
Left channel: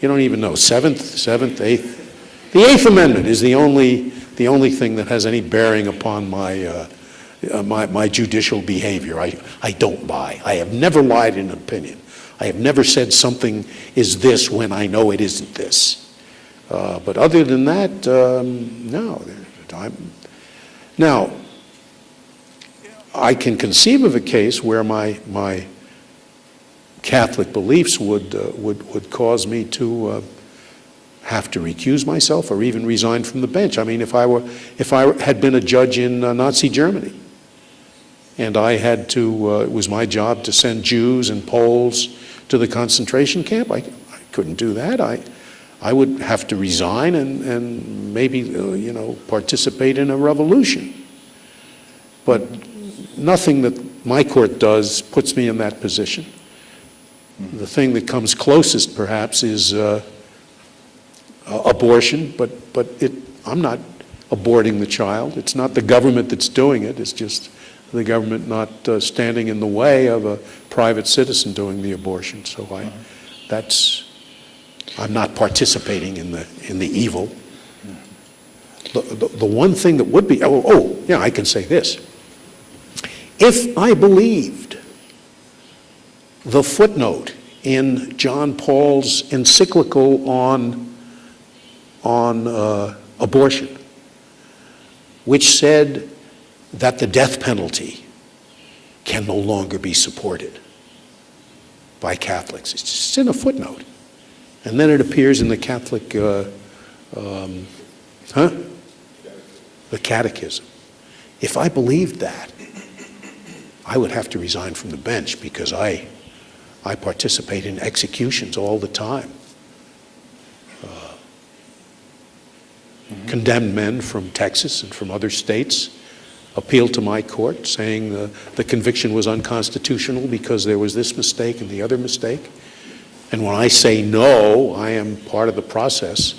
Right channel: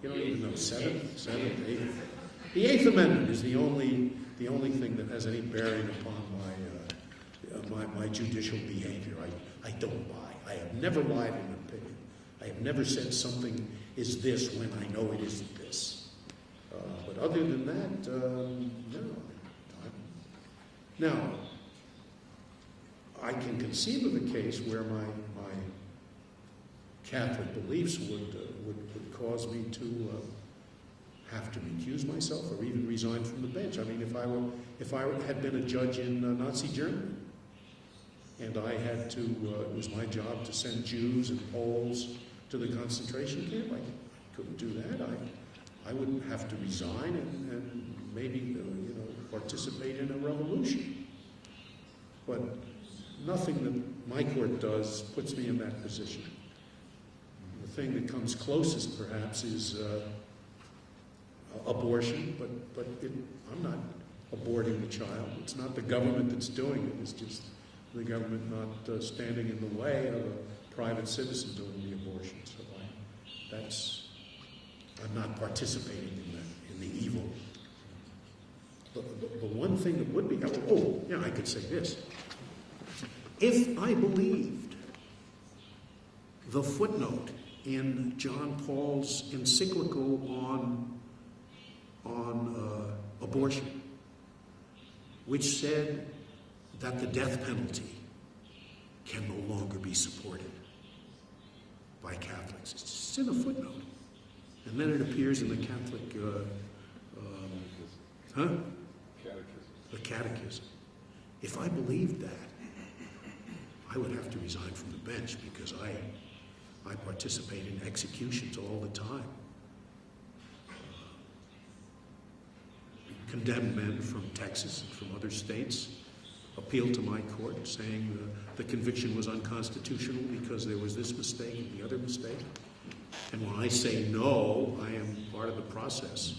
You don't even know. Seventh, eighth. The Eighth Amendment is the only thing that has any bearing upon my judicial behavior. I don't lie. I have never lied in an opinion. I have never said something is this when I know it isn't this. But other than that, no. Now, I can conceive of a case where my Catholic beliefs would cause me to have to recuse myself or even resign from the bench. I mean, if I had been a judge in Nazi Germany, and I had to, it was my job to send Jews and Poles to the concentration camp, I couldn't do that. I would have to resign and maybe, you know, participate in a revolution. But nothing that my court does puts me in that position. The thing that comes closest, perhaps, is abortion, but I'm not aborting the child. It's not the government that's doing it. It's just the government not standing in the way of a private citizen doing the abortion. So I'm not participating in the evil. The one thing that would be, yeah, I can say this. If I believed the footnote in John Paul's encyclical on abortion, which said that the death penalty can no longer be supported by Catholics. It's just in a footnote. And then it appears in the Catholic, the Catechism. If I believed that, I would have to resign from the bench because I participate in executions all the time. Condemned men from Texas and from other states appealed to my court saying the conviction was unconstitutional because there was this mistake and the other mistake. And when I say no, I am part of the process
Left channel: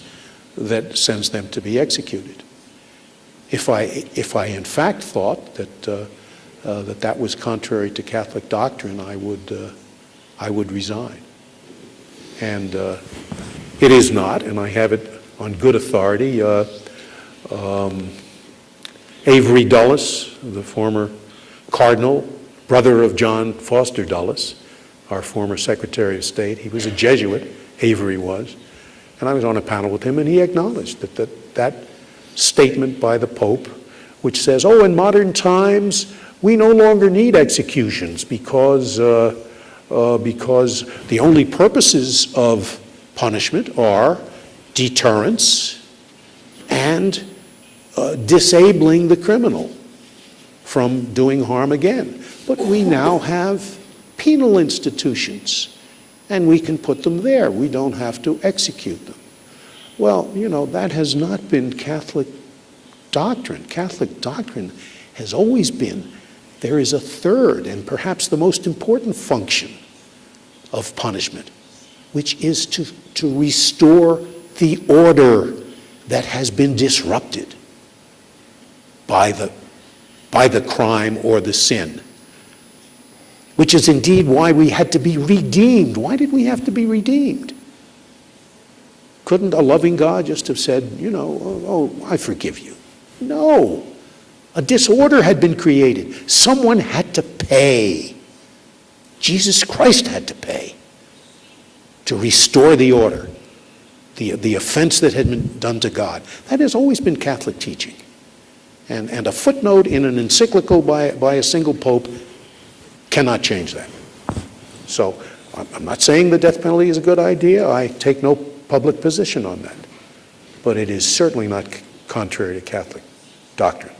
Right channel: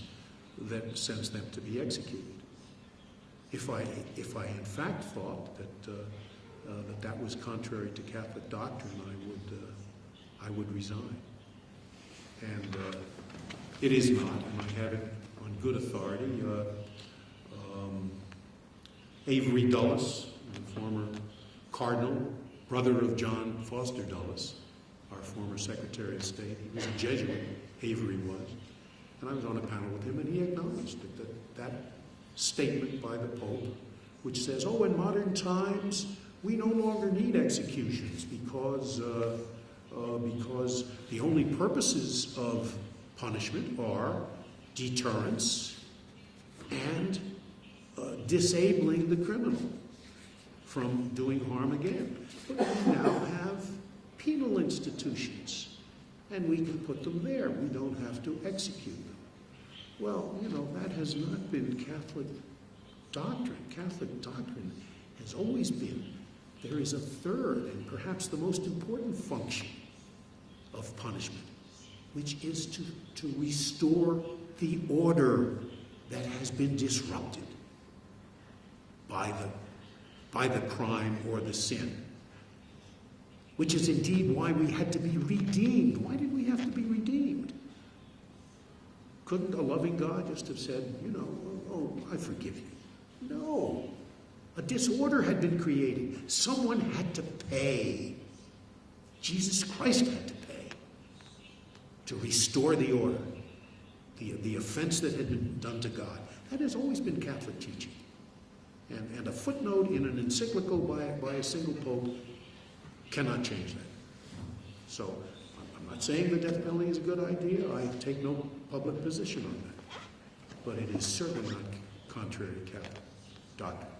that sends them to be executed. If I in fact thought that that was contrary to Catholic doctrine, I would resign. And it is not, and I have it on good authority. Avery Dulles, the former cardinal, brother of John Foster Dulles, our former Secretary of State, he was a Jesuit, Avery was, and I was on a panel with him, and he acknowledged that statement by the Pope, which says, in modern times, we no longer need executions because the only purposes of punishment are deterrence and disabling the criminal from doing harm again. But we now have penal institutions, and we can put them there. We don't have to execute them. Well, that has not been Catholic doctrine. Catholic doctrine has always been there is a third and perhaps the most important function of punishment, which is to restore the order that has been disrupted by the crime or the sin, which is indeed why we had to be redeemed. Why did we have to be redeemed? Couldn't a loving God just have said, I forgive you? No. A disorder had been created. Someone had to pay. Jesus Christ had to pay to restore the order, the offense that had been done to God. That has always been Catholic teaching. And a footnote in an encyclical by a single pope cannot change that. So I'm not saying the death penalty is a good idea. I take no public position on that. But it is certainly not contrary to Catholic doctrine.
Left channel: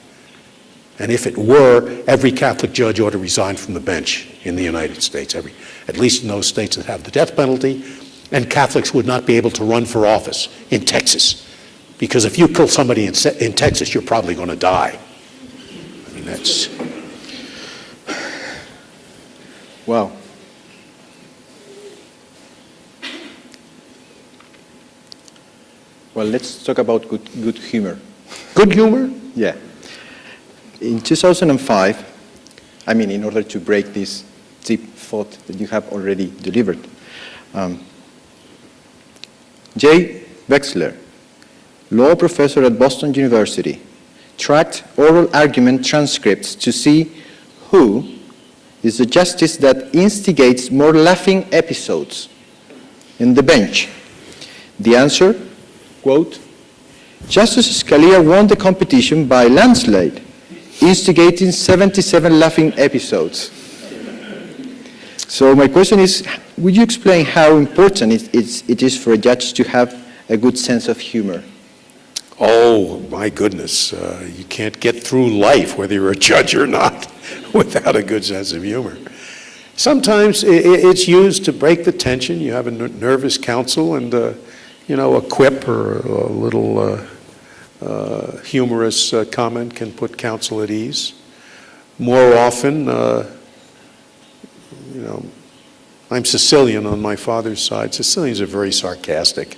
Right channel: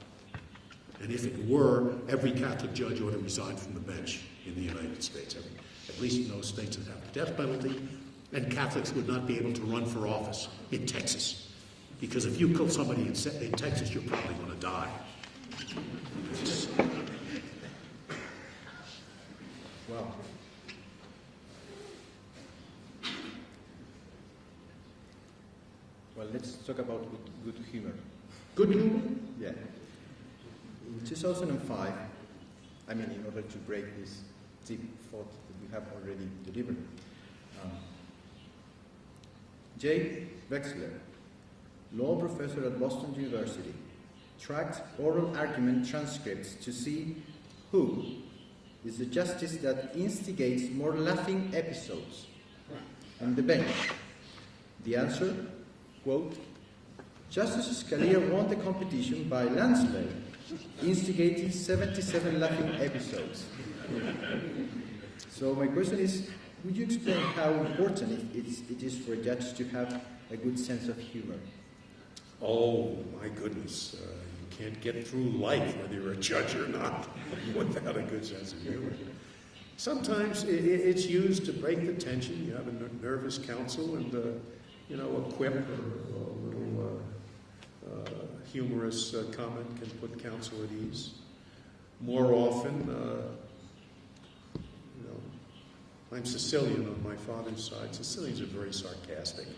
And if it were, every Catholic judge ought to resign from the bench in the United States, at least in those states that have the death penalty, and Catholics would not be able to run for office in Texas. Because if you kill somebody in Texas, you're probably going to die. I mean, that's... Wow. Well, let's talk about good humor. Good humor? Yeah. In 2005, in order to break this deep thought that you have already delivered, Jay Wexler, law professor at Boston University, tracked oral argument transcripts to see who is the justice that instigates more laughing episodes in the bench. The answer, quote, Justice Scalia won the competition by landslide, instigating 77 laughing episodes. So my question is, would you explain how important it is for a judge to have a good sense of humor? Oh, my goodness. You can't get through life, whether you're a judge or not, without a good sense of humor. Sometimes it's used to break the tension. You have a nervous counsel, and a quip or a little humorous comment can put counsel at ease. More often, I'm Sicilian on my father's side. Sicilians are very sarcastic,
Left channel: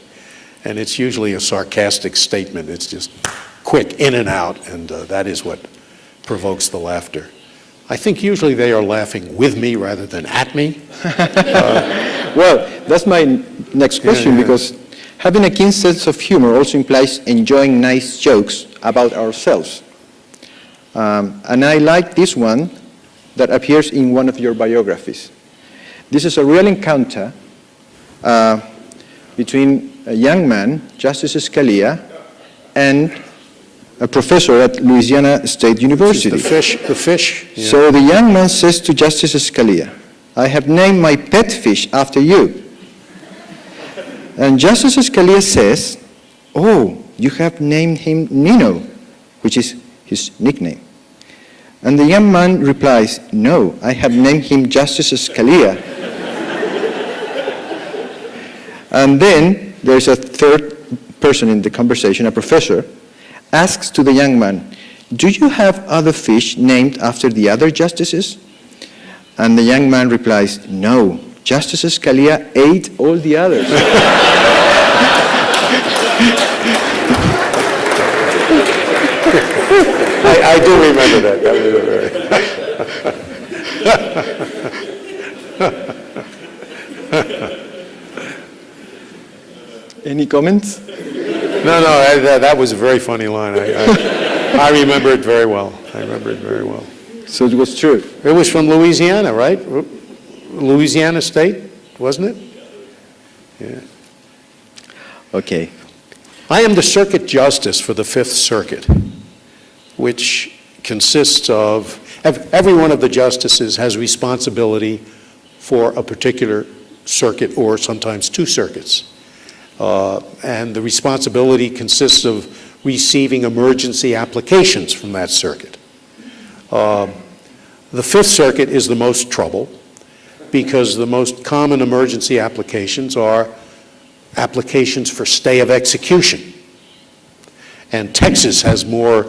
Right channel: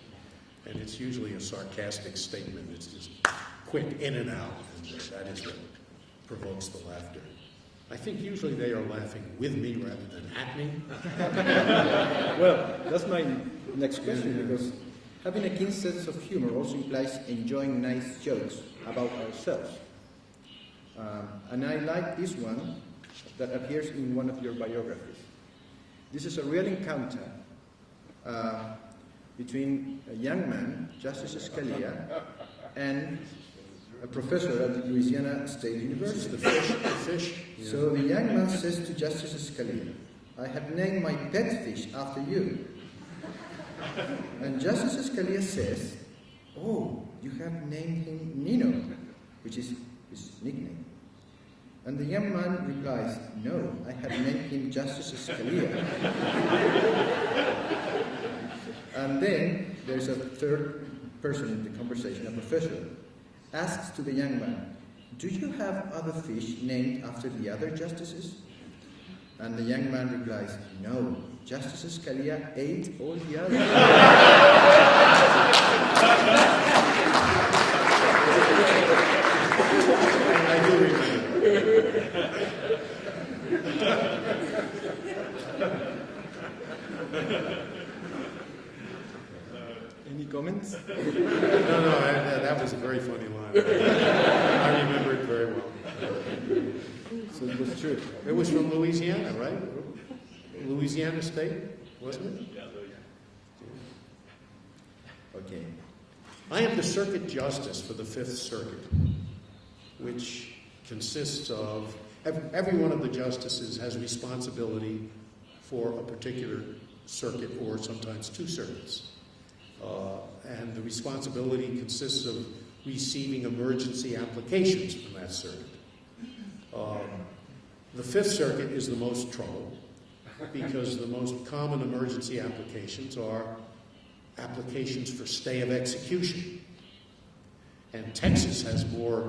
and it's usually a sarcastic statement. It's just quick, in and out, and that is what provokes the laughter. I think usually they are laughing with me rather than at me. Well, that's my next question, because Having a keen sense of humor also implies enjoying nice jokes about ourselves. And I like this one that appears in one of your biographies. This is a real encounter between a young man, Justice Scalia, and a professor at Louisiana State University. The fish. Yeah. So the young man says to Justice Scalia, "I have named my pet fish after you." And Justice Scalia says, "Oh, you have named him Nino," which is his nickname. And the young man replies, "No, I have named him Justice Scalia." And then there's a third person in the conversation, a professor, asks to the young man, "Do you have other fish named after the other justices?" And the young man replies, "No, Justice Scalia ate all the others." I do remember that. Any comments? No, that was a very funny line. I remember it very well. So it was true. It was from Louisiana, right? Louisiana State, wasn't it? Yeah. Okay. I am the circuit justice for the Fifth Circuit, which consists of, every one of the justices has responsibility for a particular circuit or sometimes two circuits. And the responsibility consists of receiving emergency applications from that circuit. The Fifth Circuit is the most trouble because the most common emergency applications are applications for stay of execution. And Texas has more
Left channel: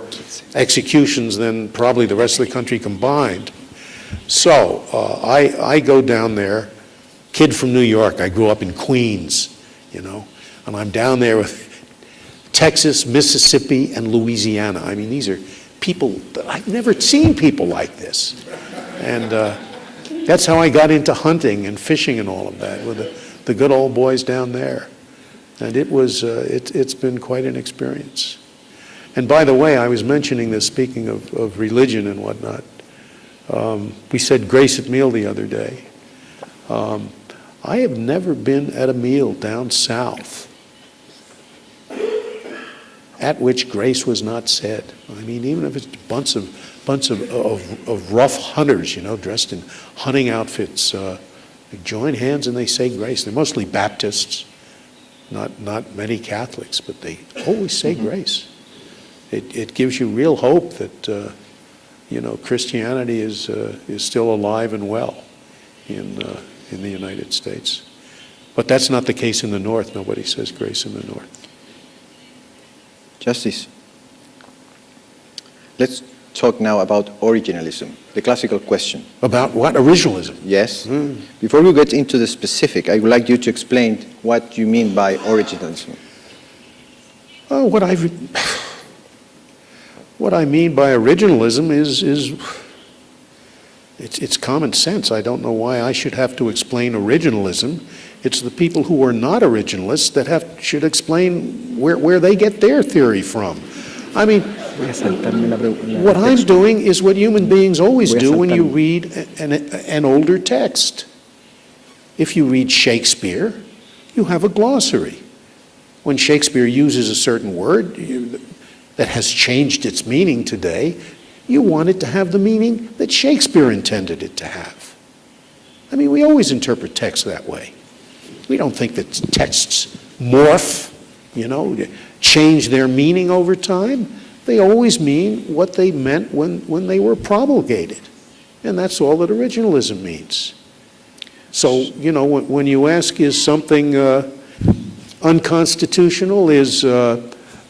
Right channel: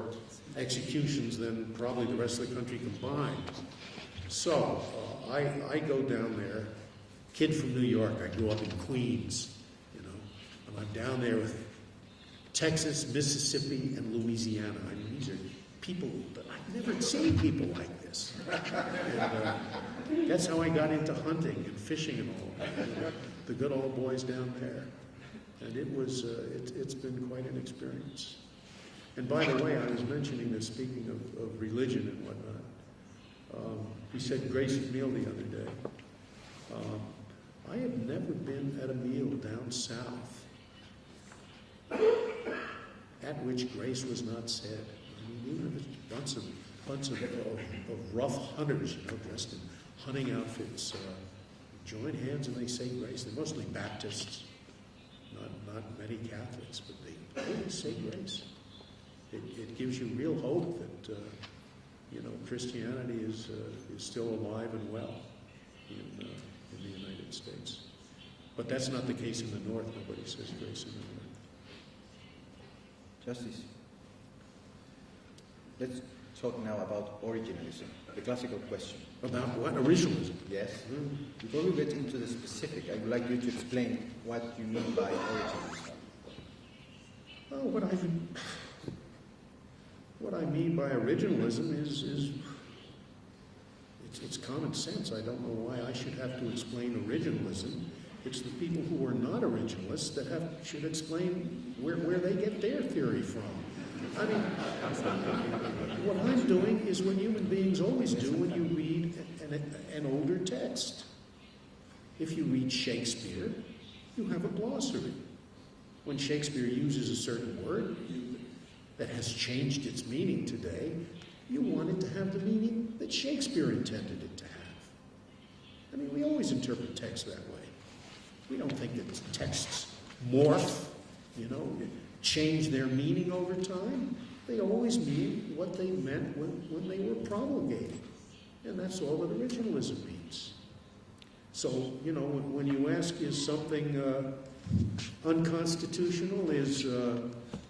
executions than probably the rest of the country combined. So I go down there, kid from New York, I grew up in Queens, you know, and I'm down there with Texas, Mississippi, and Louisiana. I mean, these are people that I've never seen people like this. And that's how I got into hunting and fishing and all of that, with the good old boys down there. And it was, it's been quite an experience. And by the way, I was mentioning this, speaking of religion and whatnot. We said grace at meal the other day. I have never been at a meal down south at which grace was not said. I mean, even if it's a bunch of rough hunters, you know, dressed in hunting outfits, they join hands and they say grace. They're mostly Baptists, not many Catholics, but they always say grace. It gives you real hope that you know, Christianity is still alive and well in the United States. But that's not the case in the North. Nobody says grace in the North. Justice, let's talk now about originalism, the classical question. About what? Originalism? Yes. Before we get into the specific, I would like you to explain what you mean by originalism. Oh, what I mean by originalism is it's common sense. I don't know why I should have to explain originalism. It's the people who are not originalists that should explain where they get their theory from. I mean, what I'm doing is what human beings always do when you read an older text. If you read Shakespeare, you have a glossary. When Shakespeare uses a certain word that has changed its meaning today, you want it to have the meaning that Shakespeare intended it to have. I mean, we always interpret text that way. We don't think that texts morph, you know, change their meaning over time. They always mean what they meant when they were promulgated. And that's all that originalism means. So, you know, when you ask, is something unconstitutional, is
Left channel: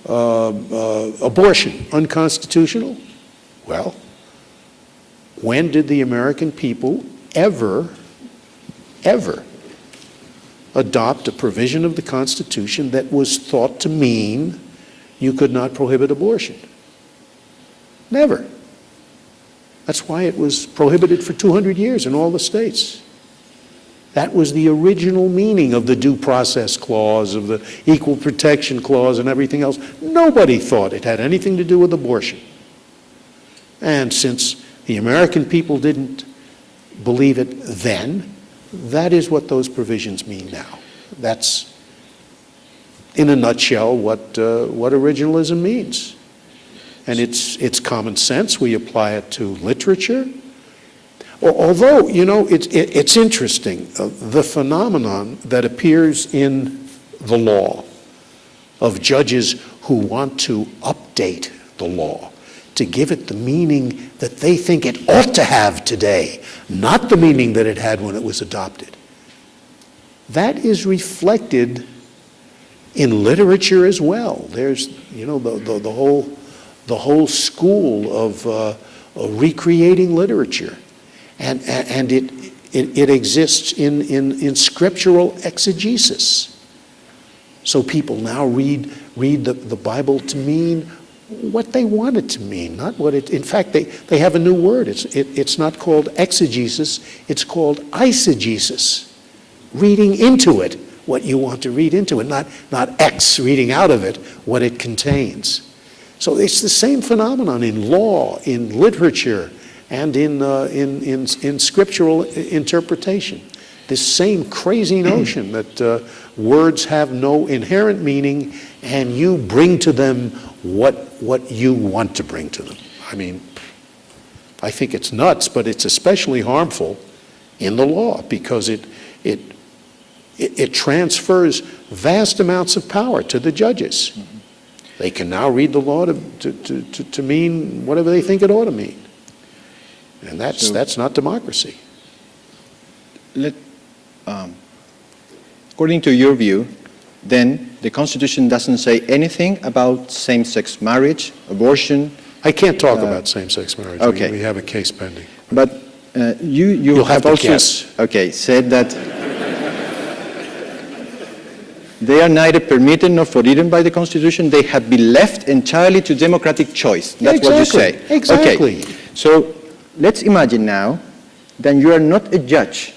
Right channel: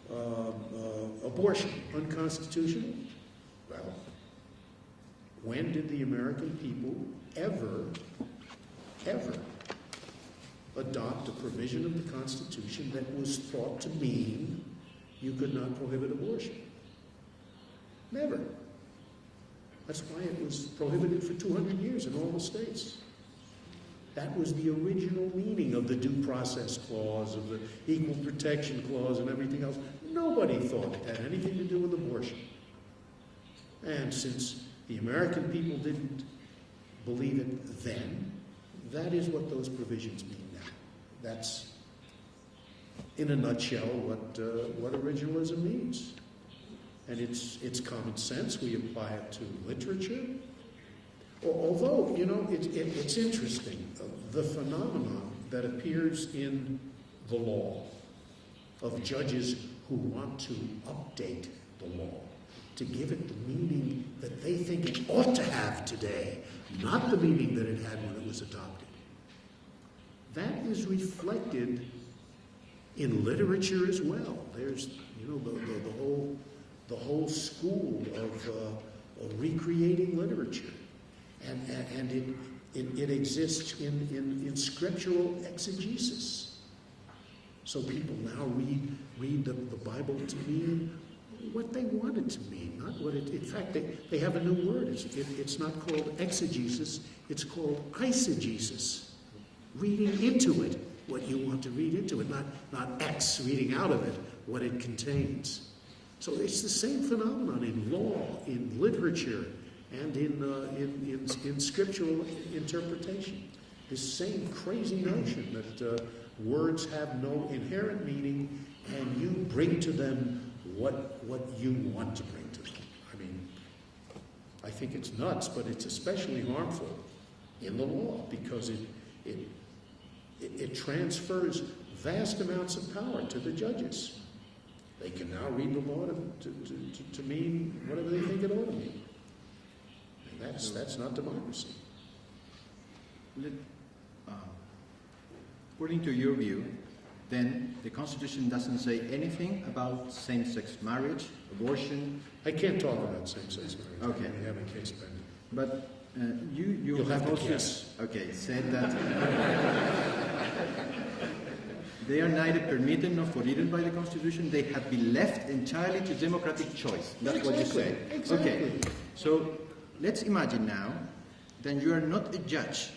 abortion unconstitutional? Well, when did the American people ever adopt a provision of the Constitution that was thought to mean you could not prohibit abortion? Never. That's why it was prohibited for 200 years in all the states. That was the original meaning of the Due Process Clause, of the Equal Protection Clause, and everything else. Nobody thought it had anything to do with abortion. And since the American people didn't believe it then, that is what those provisions mean now. That's, in a nutshell, what originalism means. And it's common sense. We apply it to literature. Although, you know, it's interesting, the phenomenon that appears in the law of judges who want to update the law to give it the meaning that they think it ought to have today, not the meaning that it had when it was adopted. That is reflected in literature as well. There's, you know, the whole school of recreating literature. And it exists in scriptural exegesis. So people now read the Bible to mean what they want it to mean, not what it. In fact, they have a new word. It's not called exegesis. It's called eisegesis, reading into it what you want to read into it, not reading out of it what it contains. So it's the same phenomenon in law, in literature, and in scriptural interpretation. This same crazy notion that words have no inherent meaning and you bring to them what you want to bring to them. I mean, I think it's nuts, but it's especially harmful in the law because it transfers vast amounts of power to the judges. Mm-hmm. They can now read the law to mean whatever they think it ought to mean. And that's not democracy. According to your view, then the Constitution doesn't say anything about same-sex marriage, abortion. I can't talk about same-sex marriage. Okay. We have a case pending. But you have to also guess. Okay, said that they are neither permitted nor forbidden by the Constitution. They have been left entirely to democratic choice. That's exactly. what you say. Exactly. Okay. So let's imagine now that you are not a judge.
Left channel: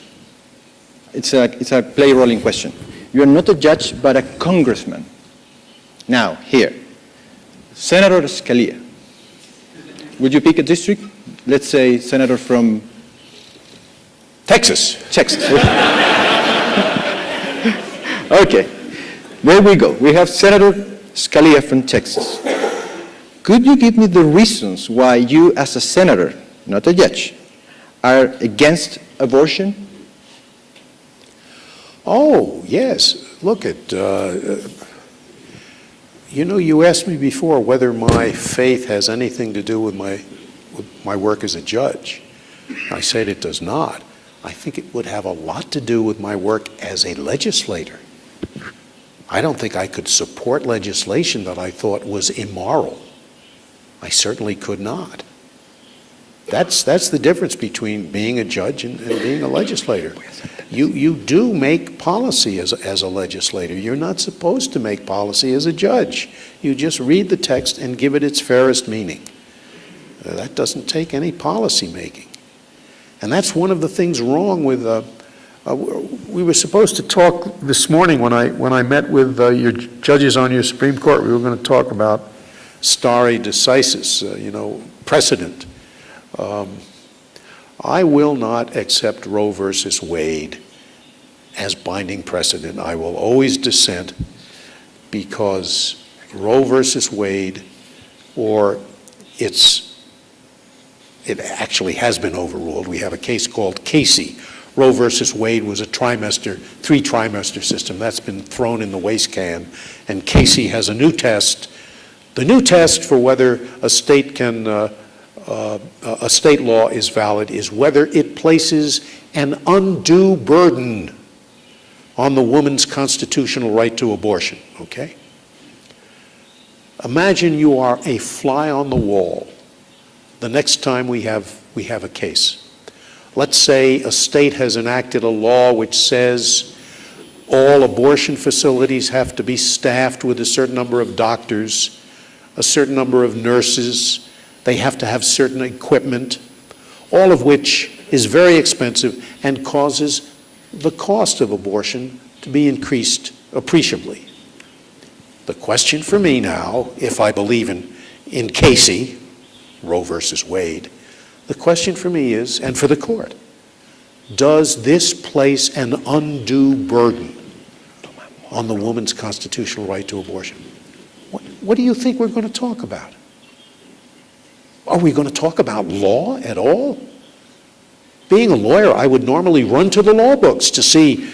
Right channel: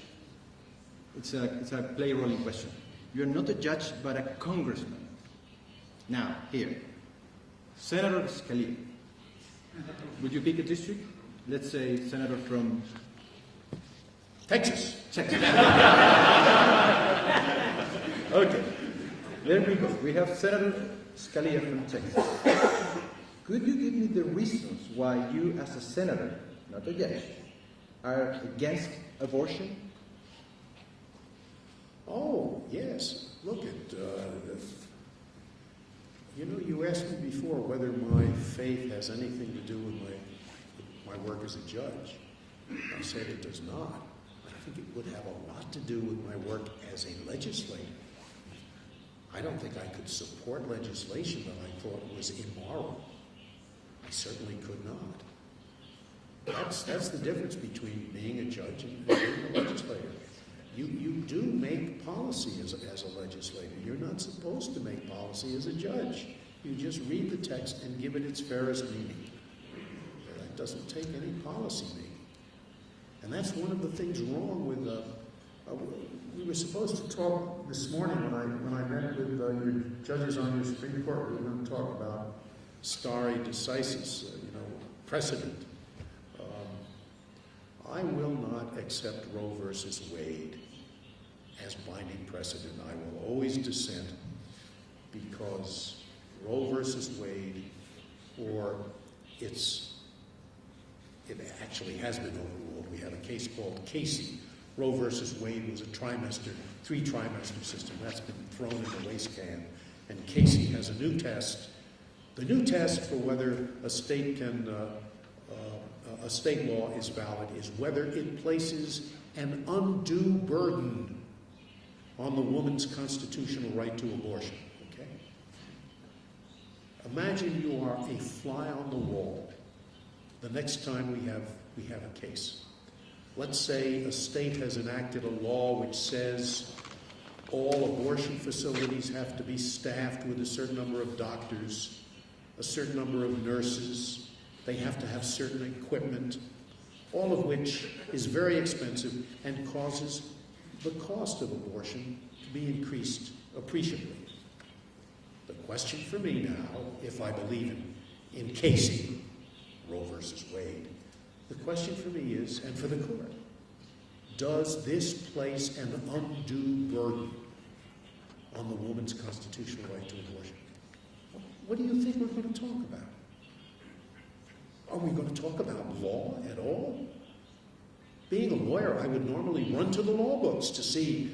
It's a play-rolling question. You are not a judge, but a congressman. Now, here, Senator Scalia. Would you pick a district? Let's say senator from Texas. Okay, there we go. We have Senator Scalia from Texas. Could you give me the reasons why you, as a senator, not a judge, are against abortion? Oh, yes. Look you know, you asked me before whether my faith has anything to do with my work as a judge. I said it does not. I think it would have a lot to do with my work as a legislator. I don't think I could support legislation that I thought was immoral. I certainly could not. That's the difference between being a judge and being a legislator. You do make policy as a legislator. You're not supposed to make policy as a judge. You just read the text and give it its fairest meaning. That doesn't take any policy making. And that's one of the things wrong with, we were supposed to talk this morning when I met with your judges on your Supreme Court. We were going to talk about stare decisis, precedent. I will not accept Roe versus Wade as binding precedent. I will always dissent because Roe versus Wade, or it actually has been overruled. We have a case called Casey. Roe versus Wade was a three-trimester system. That's been thrown in the waste can. And Casey has a new test. The new test for whether a state a state law is valid is whether it places an undue burden on the woman's constitutional right to abortion, okay? Imagine you are a fly on the wall the next time we have a case. Let's say a state has enacted a law which says all abortion facilities have to be staffed with a certain number of doctors, a certain number of nurses, they have to have certain equipment, all of which is very expensive and causes the cost of abortion to be increased appreciably. The question for me now, if I believe in Casey, Roe versus Wade, the question for me is, and for the court, does this place an undue burden on the woman's constitutional right to abortion? What do you think we're going to talk about? Are we going to talk about law at all? Being a lawyer, I would normally run to the law books to see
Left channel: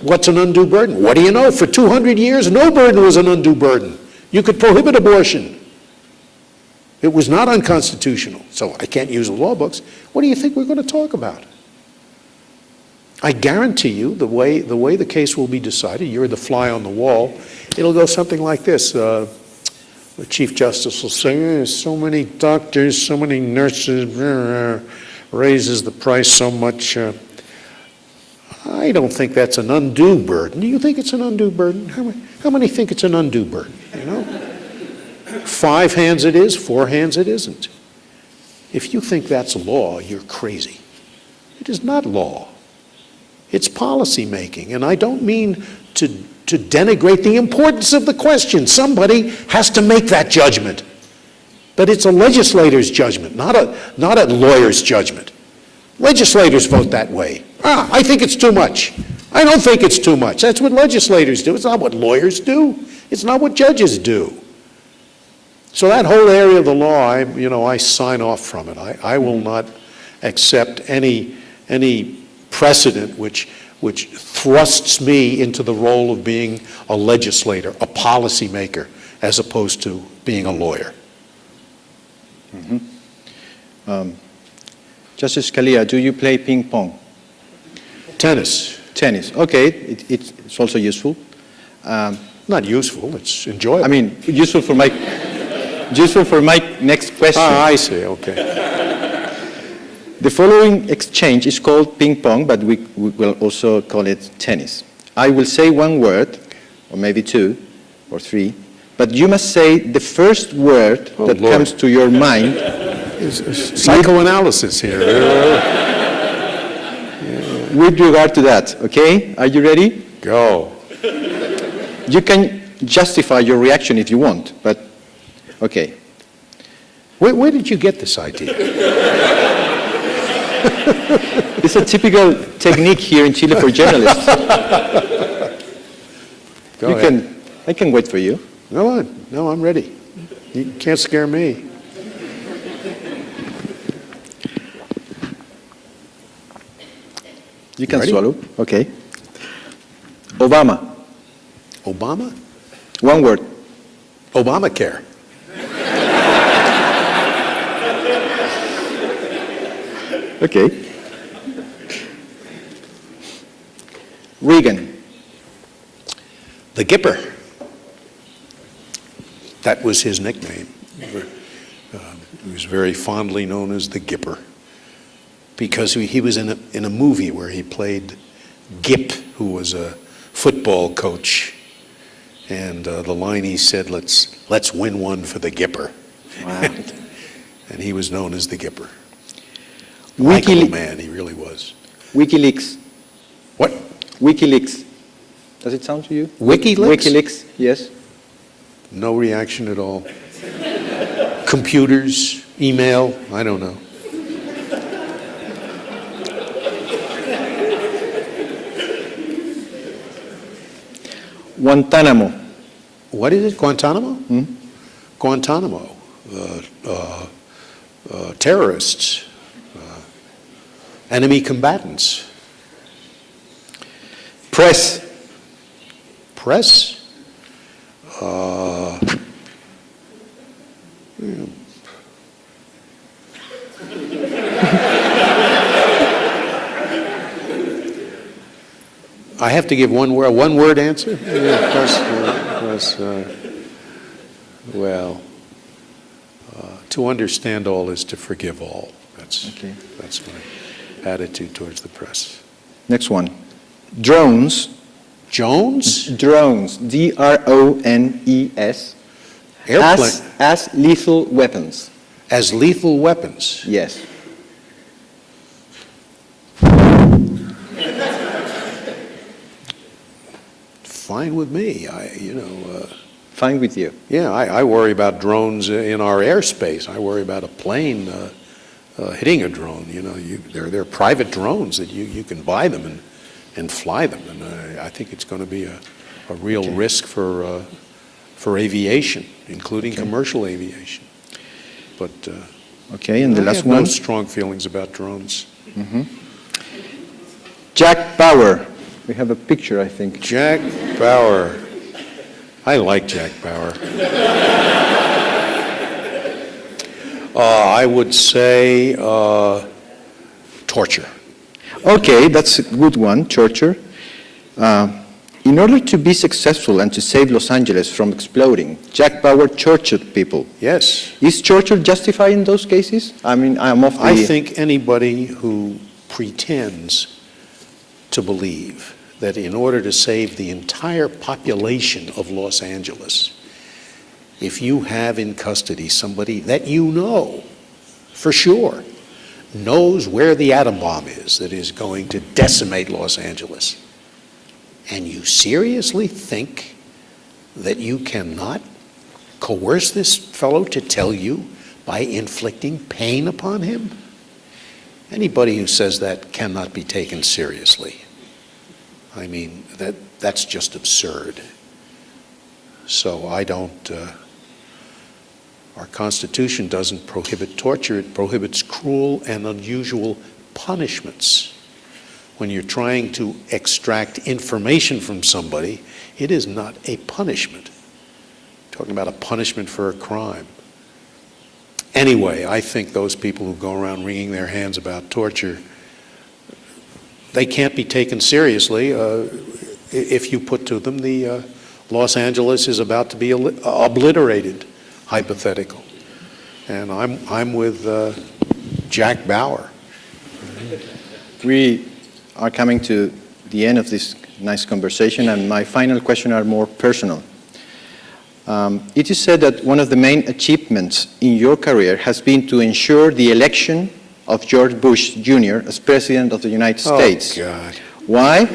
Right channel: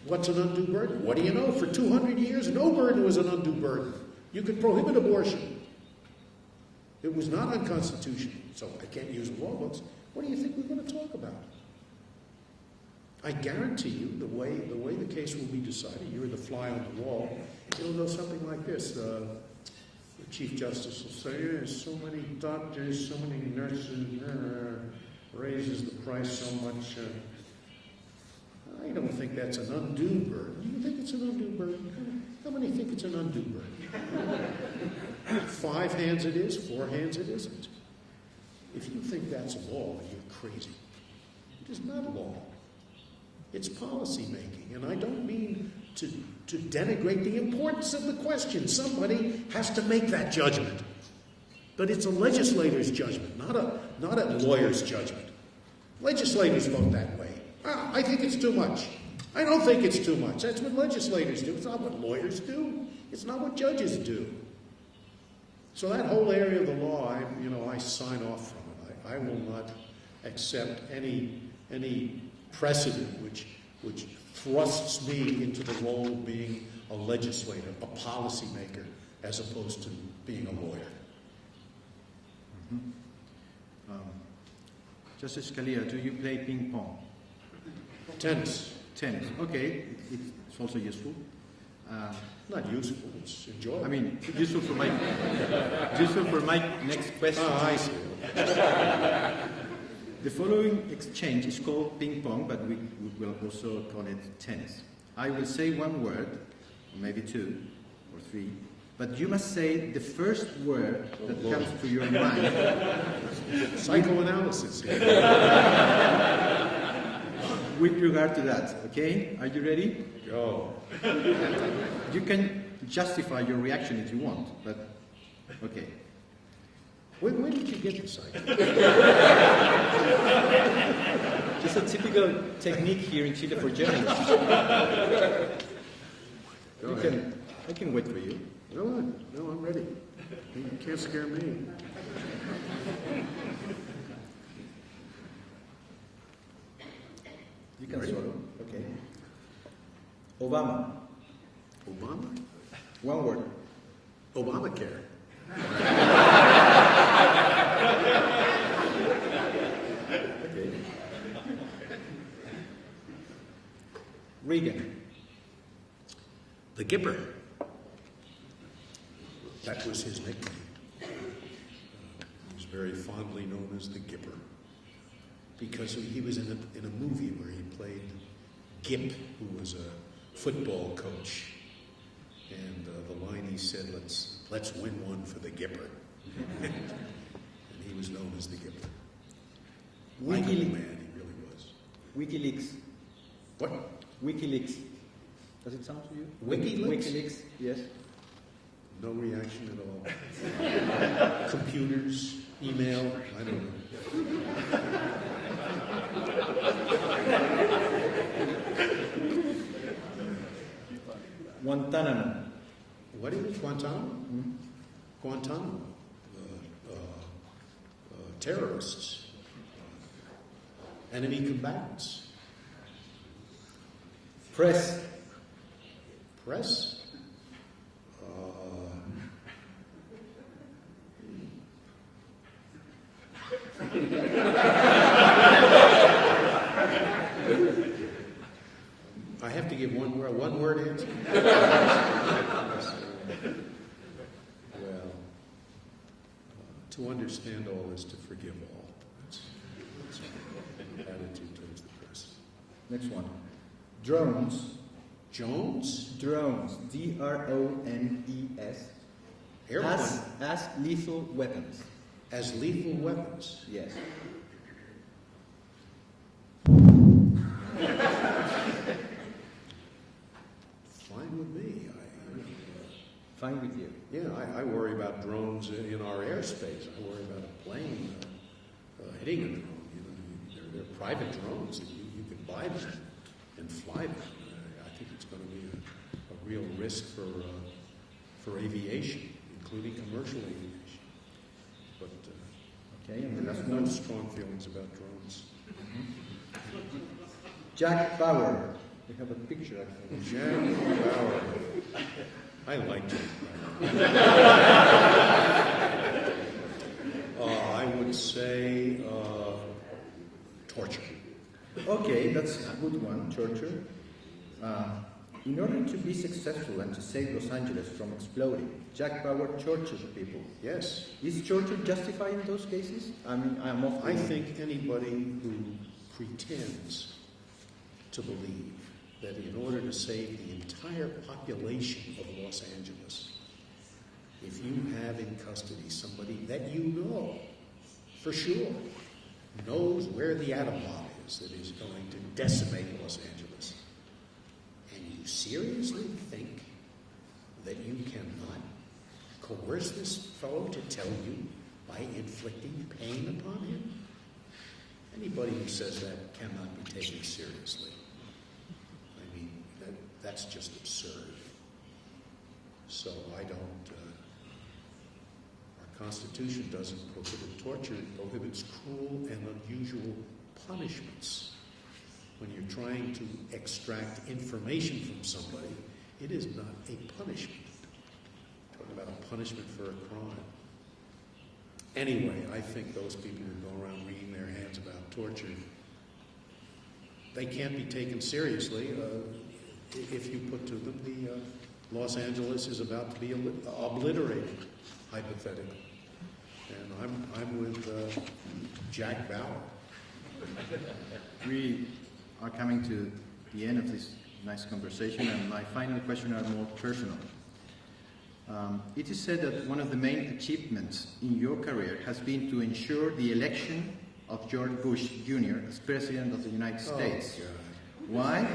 what's an undue burden. What do you know? For 200 years, no burden was an undue burden. You could prohibit abortion. It was not unconstitutional, so I can't use the law books. What do you think we're going to talk about? I guarantee you, the way the case will be decided, you're the fly on the wall, it'll go something like this. The Chief Justice will say, so many doctors, so many nurses, raises the price so much. I don't think that's an undue burden. Do you think it's an undue burden? How many think it's an undue burden? You know? 5 hands it is, 4 hands it isn't. If you think that's law, you're crazy. It is not law. It's policy making, and I don't mean to denigrate the importance of the question. Somebody has to make that judgment. But it's a legislator's judgment, not a lawyer's judgment. Legislators vote that way. I think it's too much. I don't think it's too much. That's what legislators do. It's not what lawyers do. It's not what judges do. So that whole area of the law, I sign off from it. I will not accept any precedent which thrusts me into the role of being a legislator, a policymaker, as opposed to being a lawyer. Mm-hmm. Justice Scalia, do you play ping pong? Tennis. Tennis. Okay, it's also useful. Not useful. It's enjoyable. I mean, useful for my next question. Ah, I see. Okay. The following exchange is called ping pong, but we will also call it tennis. I will say one word, or maybe 2 or 3, but you must say the first word that Lord. comes to your mind. Psychoanalysis here. With regard to that, okay? Are you ready? Go. You can justify your reaction if you want, but okay. Where did you get this idea? It's a typical technique here in Chile for journalists. Go ahead. I can wait for you. Go on. No, I'm ready. You can't scare me. You can Ready? swallow. Okay. Obama. Obama? One word. Obamacare. Okay. Reagan. The Gipper. That was his nickname. He was very fondly known as the Gipper because he was in a movie where he played Gip, who was a football coach. And the line he said, let's win one for the Gipper. Wow. And he was known as the Gipper. Likable man, he really was. WikiLeaks. What? WikiLeaks. Does it sound to you? WikiLeaks? WikiLeaks, yes. No reaction at all. Computers, email, I don't know. Guantanamo. What is it? Guantanamo? Hmm? Guantanamo. Terrorists. Enemy combatants. Press. Press. I have to give one word answer? To understand all is to forgive all. That's my attitude towards the press. Next one. Drones. Jones? Drones. D-R-O-N-E-S. Airplane. As lethal weapons. As lethal weapons. Yes. fine with me. Fine with you. Yeah, I worry about drones in our airspace. I worry about a plane hitting a drone. They're private drones that you can buy them and fly them. And I think it's going to be a real risk for aviation, including commercial aviation. But Okay, and the I last have one. no strong feelings about drones. Jack Bauer. We have a picture, I think. Jack Bauer. I like Jack Bauer. I would say torture. Okay, that's a good one, torture. In order to be successful and to save Los Angeles from exploding, Jack Bauer tortured people. Yes. Is torture justified in those cases? I mean, I'm off the... I think anybody who pretends to believe that in order to save the entire population of Los Angeles, if you have in custody somebody that you know for sure knows where the atom bomb is that is going to decimate Los Angeles, and you seriously think that you cannot coerce this fellow to tell you by inflicting pain upon him? Anybody who says that cannot be taken seriously. I mean, that's just absurd. So I don't, our Constitution doesn't prohibit torture, it prohibits cruel and unusual punishments. When you're trying to extract information from somebody, it is not a punishment. I'm talking about a punishment for a crime. Anyway, I think those people who go around wringing their hands about torture, they can't be taken seriously if you put to them the Los Angeles is about to be obliterated, hypothetical. And I'm with Jack Bauer. We are coming to the end of this nice conversation, and my final question are more personal. It is said that one of the main achievements in your career has been to ensure the election of George Bush Jr. as President of the United States. Oh, God. Why?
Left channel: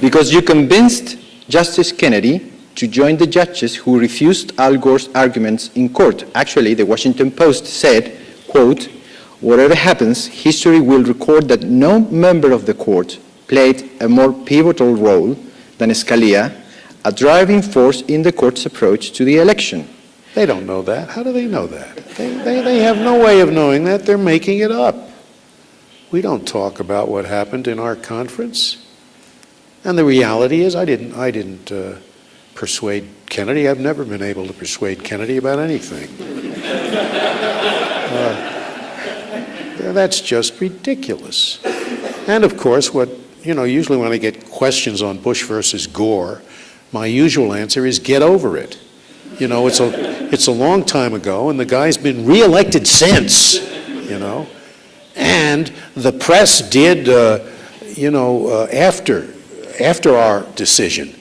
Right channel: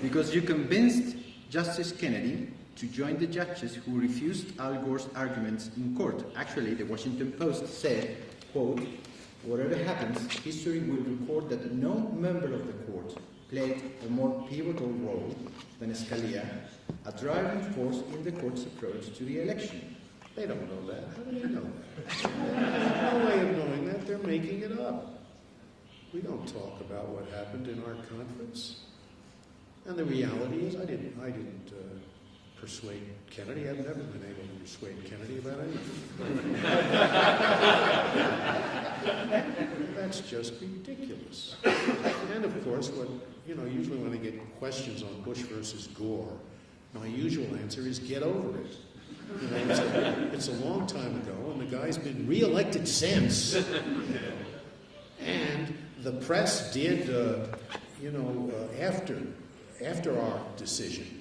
Because you convinced Justice Kennedy to join the judges who refused Al Gore's arguments in court. Actually, the Washington Post said, quote, "Whatever happens, history will record that no member of the court played a more pivotal role than Scalia, a driving force in the court's approach to the election." They don't know that. How do they know that? They have no way of knowing that. They're making it up. We don't talk about what happened in our conference. And the reality is I didn't persuade Kennedy. I've never been able to persuade Kennedy about anything. That's just ridiculous. And of course, usually when I get questions on Bush versus Gore, my usual answer is get over it. It's a long time ago, and the guy's been reelected since, And the press did, after our decision,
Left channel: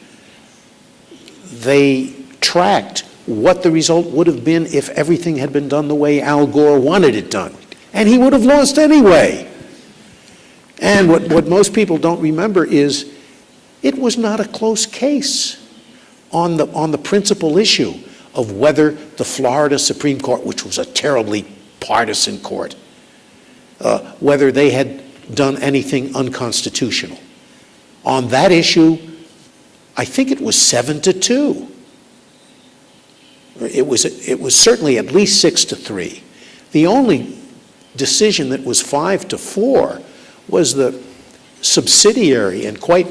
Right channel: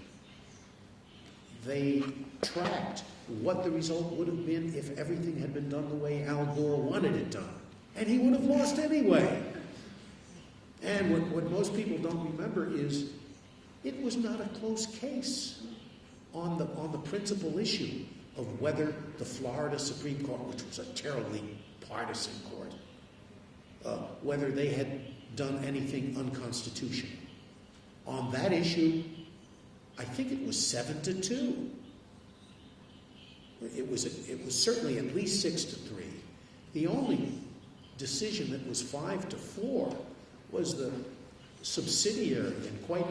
they tracked what the result would have been if everything had been done the way Al Gore wanted it done. And he would have lost anyway. And what most people don't remember is it was not a close case on the principal issue of whether the Florida Supreme Court, which was a terribly partisan court, whether they had done anything unconstitutional. On that issue, I think it was 7-2. It was certainly at least 6-3. The only decision that was 5-4 was the subsidiary and quite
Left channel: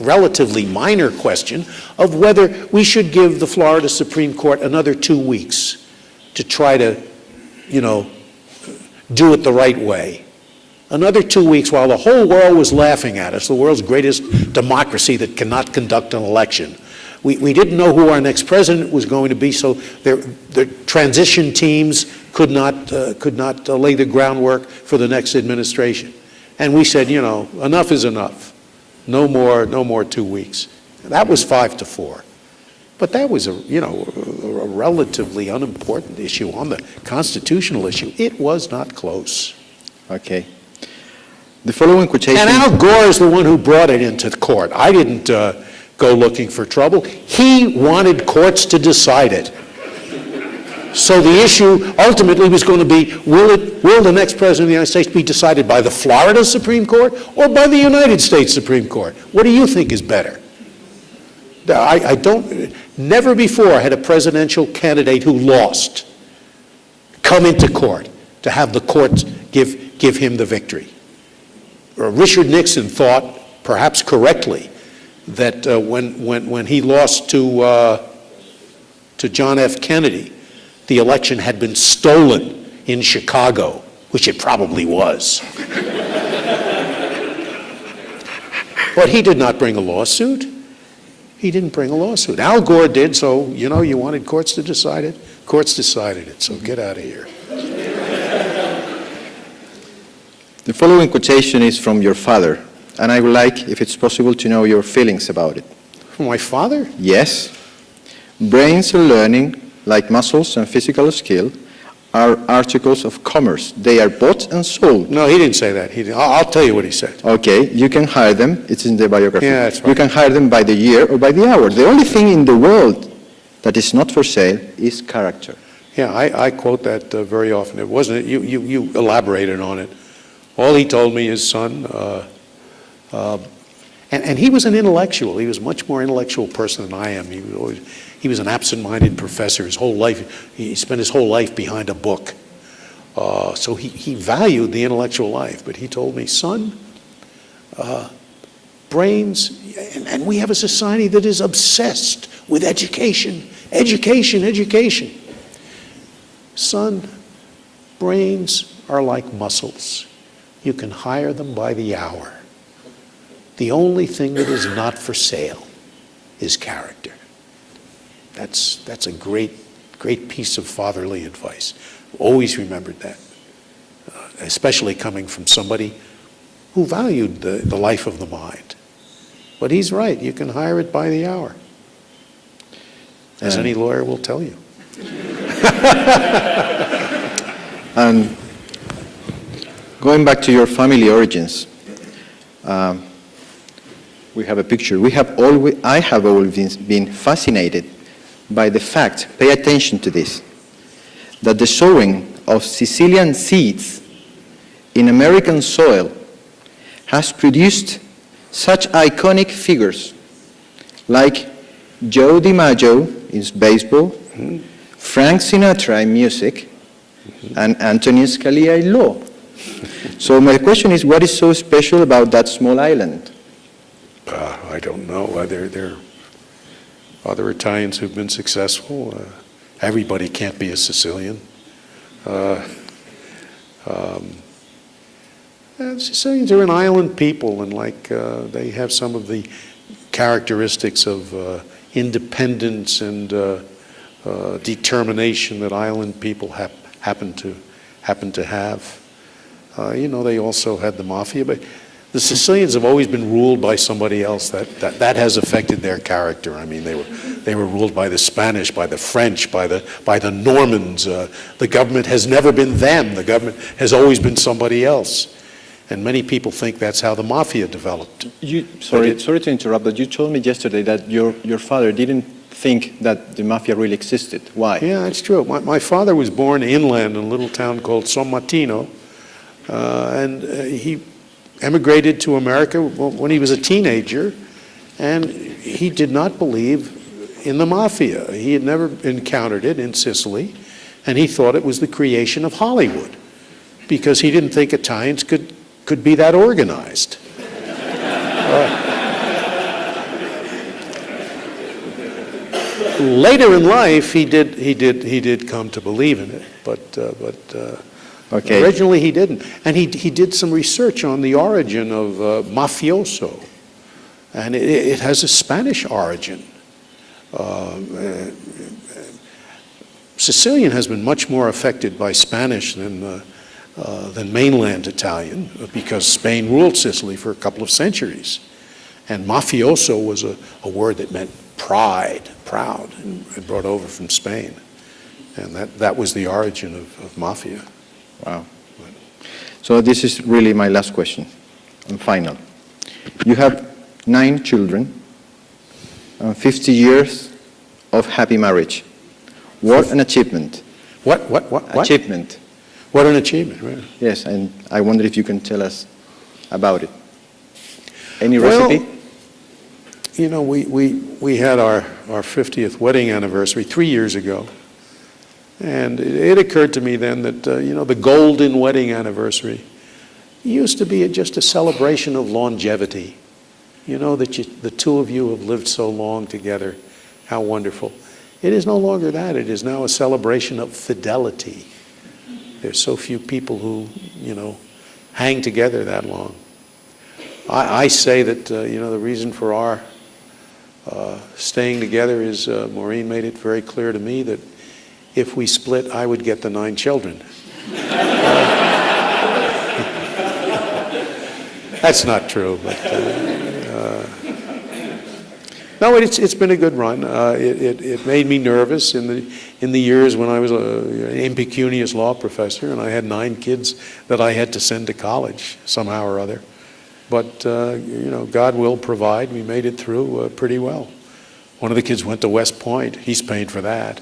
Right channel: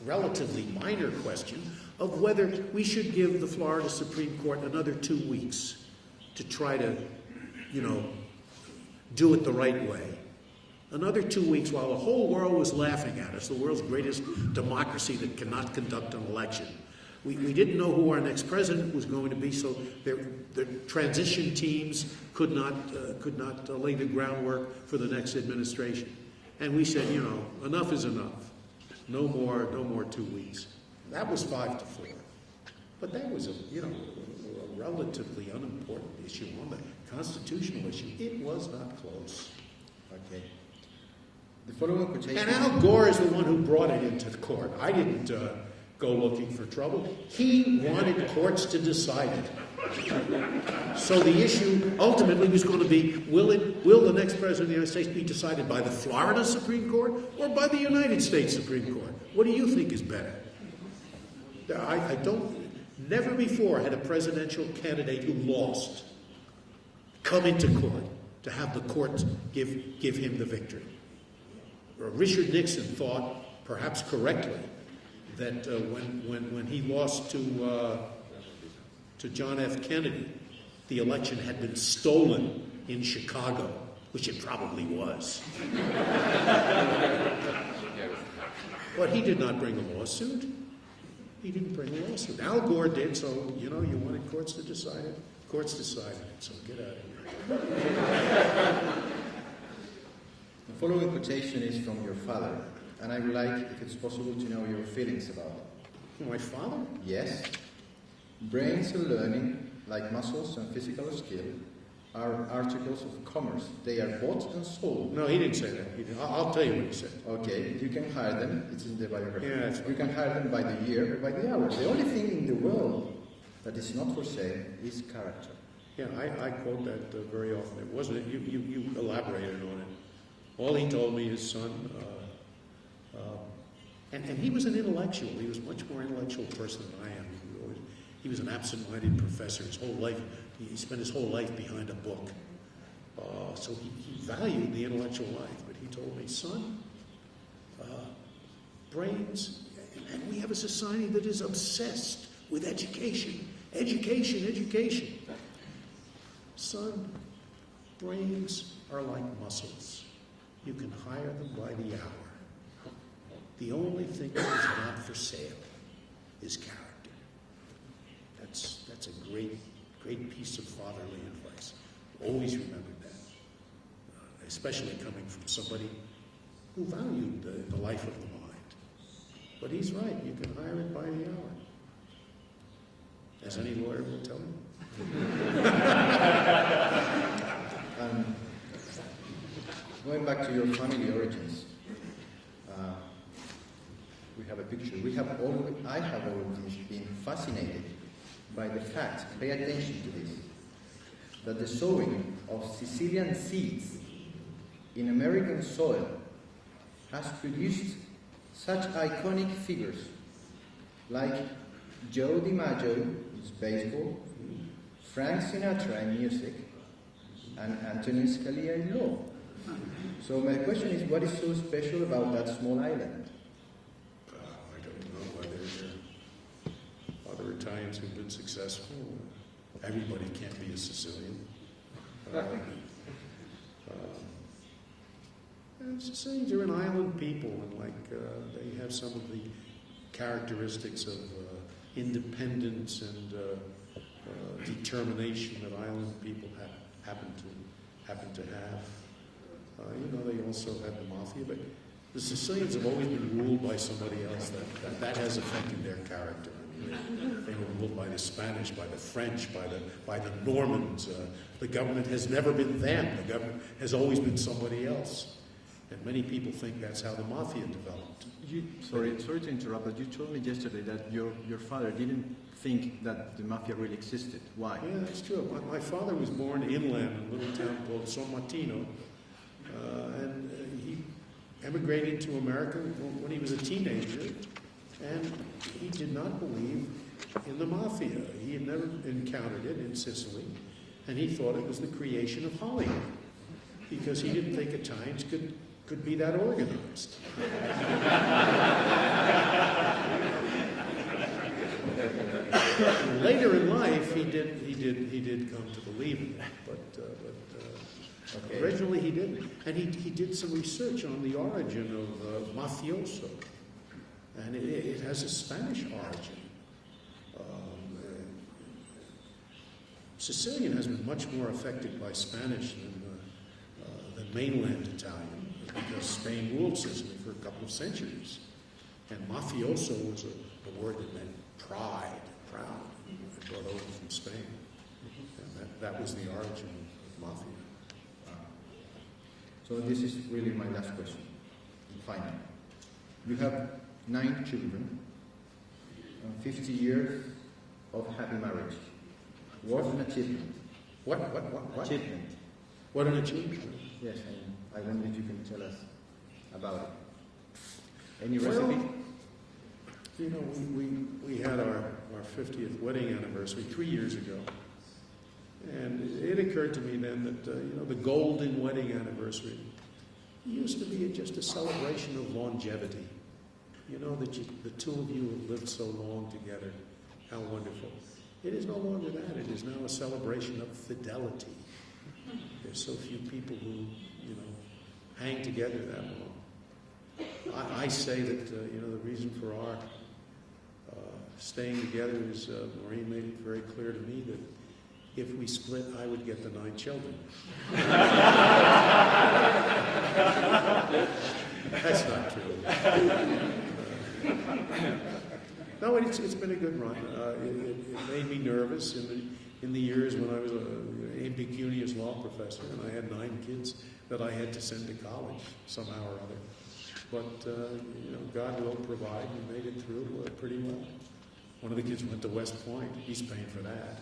relatively minor question of whether we should give the Florida Supreme Court another 2 weeks to try to, do it the right way. Another 2 weeks while the whole world was laughing at us, the world's greatest democracy that cannot conduct an election. We didn't know who our next president was going to be, so the transition teams could not lay the groundwork for the next administration. And we said, enough is enough. No more 2 weeks. That was 5-4. But that was a relatively unimportant issue on the constitutional issue. It was not close. Okay. The following quotation... And Al Gore is the one who brought it into the court. I didn't go looking for trouble. He wanted courts to decide it. So the issue ultimately was going to be, will the next president of the United States be decided by the Florida Supreme Court or by the United States Supreme Court? What do you think is better? Never before had a presidential candidate who lost come into court to have the courts give him the victory. Richard Nixon thought, perhaps correctly, that when he lost to John F. Kennedy, the election had been stolen in Chicago, which it probably was. But he did not bring a lawsuit. He didn't bring a lawsuit. Al Gore did, so, you know, you wanted courts to decide it. Courts decided it, so get out of here. The following quotation is from your father, and I would like, if it's possible, to know your feelings about it. From my father? Yes. Brains are learning, like muscles and physical skill, are articles of commerce. They are bought and sold. No, he didn't say that. I'll tell you what he said. Okay, you can hire them. It's in the biography. Yeah, that's right. You can hire them by the year or by the hour. The only thing in the world that is not for sale is character. Yeah, I quote that very often. It wasn't, you elaborated on it. All he told me is, son, and he was an intellectual. He was a much more intellectual person than I am. He was an absent-minded professor his whole life. He spent his whole life behind a book. So he valued the intellectual life. But he told me, son, brains, and we have a society that is obsessed with education, education, education. Son, brains are like muscles. You can hire them by the hour. The only thing that is not for sale is character. That's a great piece of fatherly advice. Always remembered that, especially coming from somebody who valued the life of the mind. But he's right, you can hire it by the hour, as any lawyer will tell you. And going back to your family origins, we have a picture. I have always been fascinated by the fact, pay attention to this, that the sowing of Sicilian seeds in American soil has produced such iconic figures like Joe DiMaggio in baseball, Frank Sinatra in music, and Antonin Scalia in law. So my question is, what is so special about that small island? I don't know. There are other Italians who've been successful. Everybody can't be a Sicilian. Sicilians are an island people, and they have some of the characteristics of independence and determination that island people happen to have. They also had the mafia, but the Sicilians have always been ruled by somebody else. That has affected their character. I mean, they were ruled by the Spanish, by the French, by the Normans. The government has never been them. The government has always been somebody else. And many people think that's how the mafia developed. Sorry to interrupt, but you told me yesterday that your father didn't think that the mafia really existed. Why? Yeah, that's true. My father was born inland in a little town called San Martino, and he emigrated to America when he was a teenager, and he did not believe in the mafia. He had never encountered it in Sicily, and he thought it was the creation of Hollywood, because he didn't think Italians could be that organized. Later in life, he did come to believe in it, but Okay. Originally he didn't. And he did some research on the origin of mafioso, and it has a Spanish origin. Sicilian has been much more affected by Spanish than mainland Italian, because Spain ruled Sicily for a couple of centuries. And mafioso was a word that meant pride, proud, and brought over from Spain. And that was the origin of mafia. Wow. So this is really my last question and final. You have 9 children, and 50 years of happy marriage. What an achievement. What? Achievement. What an achievement, right? Yes, and I wonder if you can tell us about it. Any Well, recipe? you know, we had our 50th wedding anniversary 3 years ago. And it occurred to me then that, you know, the golden wedding anniversary used to be just a celebration of longevity. You know, that the two of you have lived so long together. How wonderful. It is no longer that. It is now a celebration of fidelity. There's so few people who, you know, hang together that long. I say that, you know, the reason for our staying together is Maureen made it very clear to me that if we split, I would get the 9 children. That's not true. But, no, it's been a good run. It made me nervous in the years when I was an impecunious law professor and I had 9 kids that I had to send to college somehow or other. But, you know, God will provide. We made it through pretty well. One of the kids went to West Point. He's paying for that.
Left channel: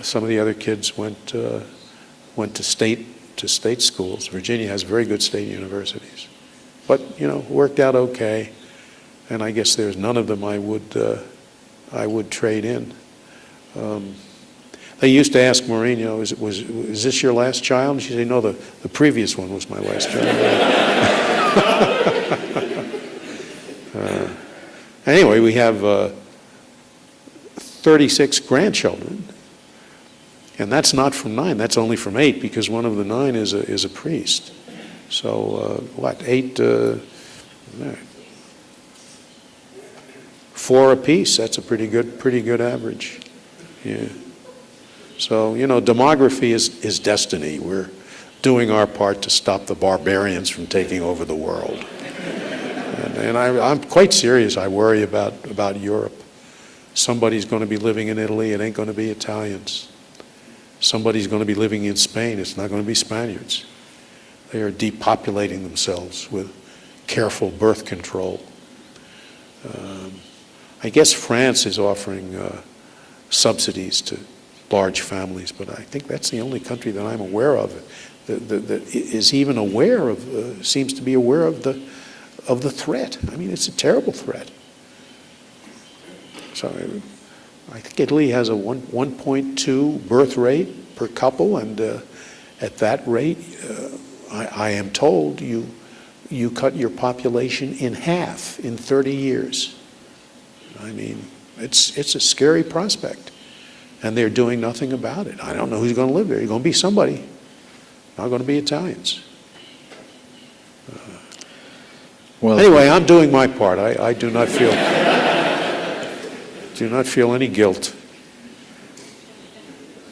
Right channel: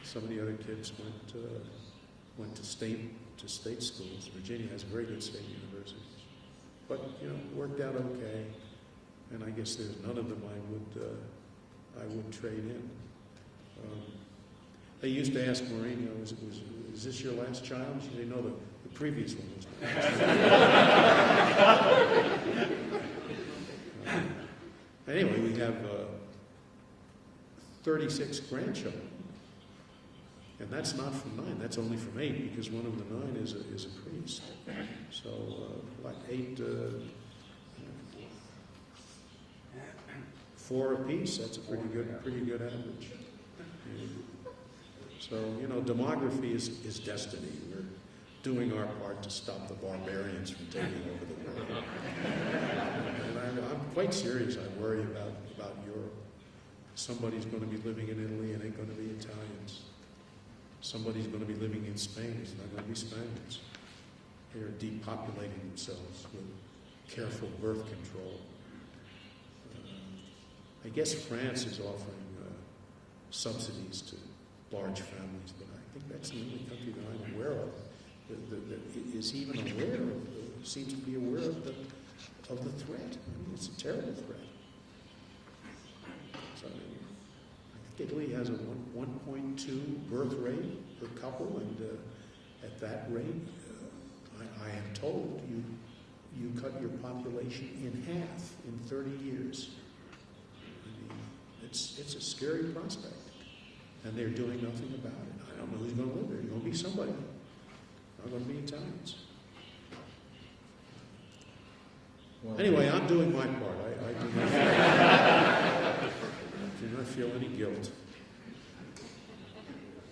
Some of the other kids went to state schools. Virginia has very good state universities. But, you know, worked out okay. And I guess there's none of them I would trade in. They used to ask Maureen, you know, is this your last child? And she'd say, no, the previous one was my last child. Anyway, we have 36 grandchildren. And that's not from 9, that's only from 8, because one of the 9 is a priest. So, 8, 4 apiece, that's a pretty good average. Yeah. So, you know, demography is destiny. We're doing our part to stop the barbarians from taking over the world. And I'm quite serious. I worry about Europe. Somebody's going to be living in Italy, it ain't going to be Italians. Somebody's going to be living in Spain, it's not going to be Spaniards. They are depopulating themselves with careful birth control. I guess France is offering subsidies to large families, but I think that's the only country that I'm aware of that is even aware of, seems to be aware of the threat. I mean, it's a terrible threat. So I think Italy has a 1.2 birth rate per couple, and at that rate, I am told you cut your population in half in 30 years. I mean, it's a scary prospect, and they're doing nothing about it. I don't know who's going to live there. You're going to be somebody. Not going to be Italians. Well, anyway, I'm doing my part. I do not feel any guilt.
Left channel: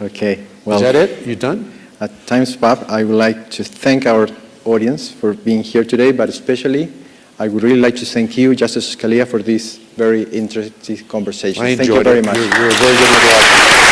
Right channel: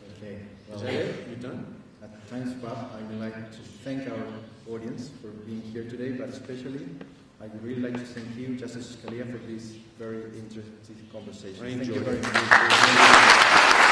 okay. Well, Is that it? You done? At time's up, I would like to thank our audience for being here today, but especially I would really like to thank you, Justice Scalia, for this very interesting conversation. I Thank you enjoyed very it. much. You're a very good moderator.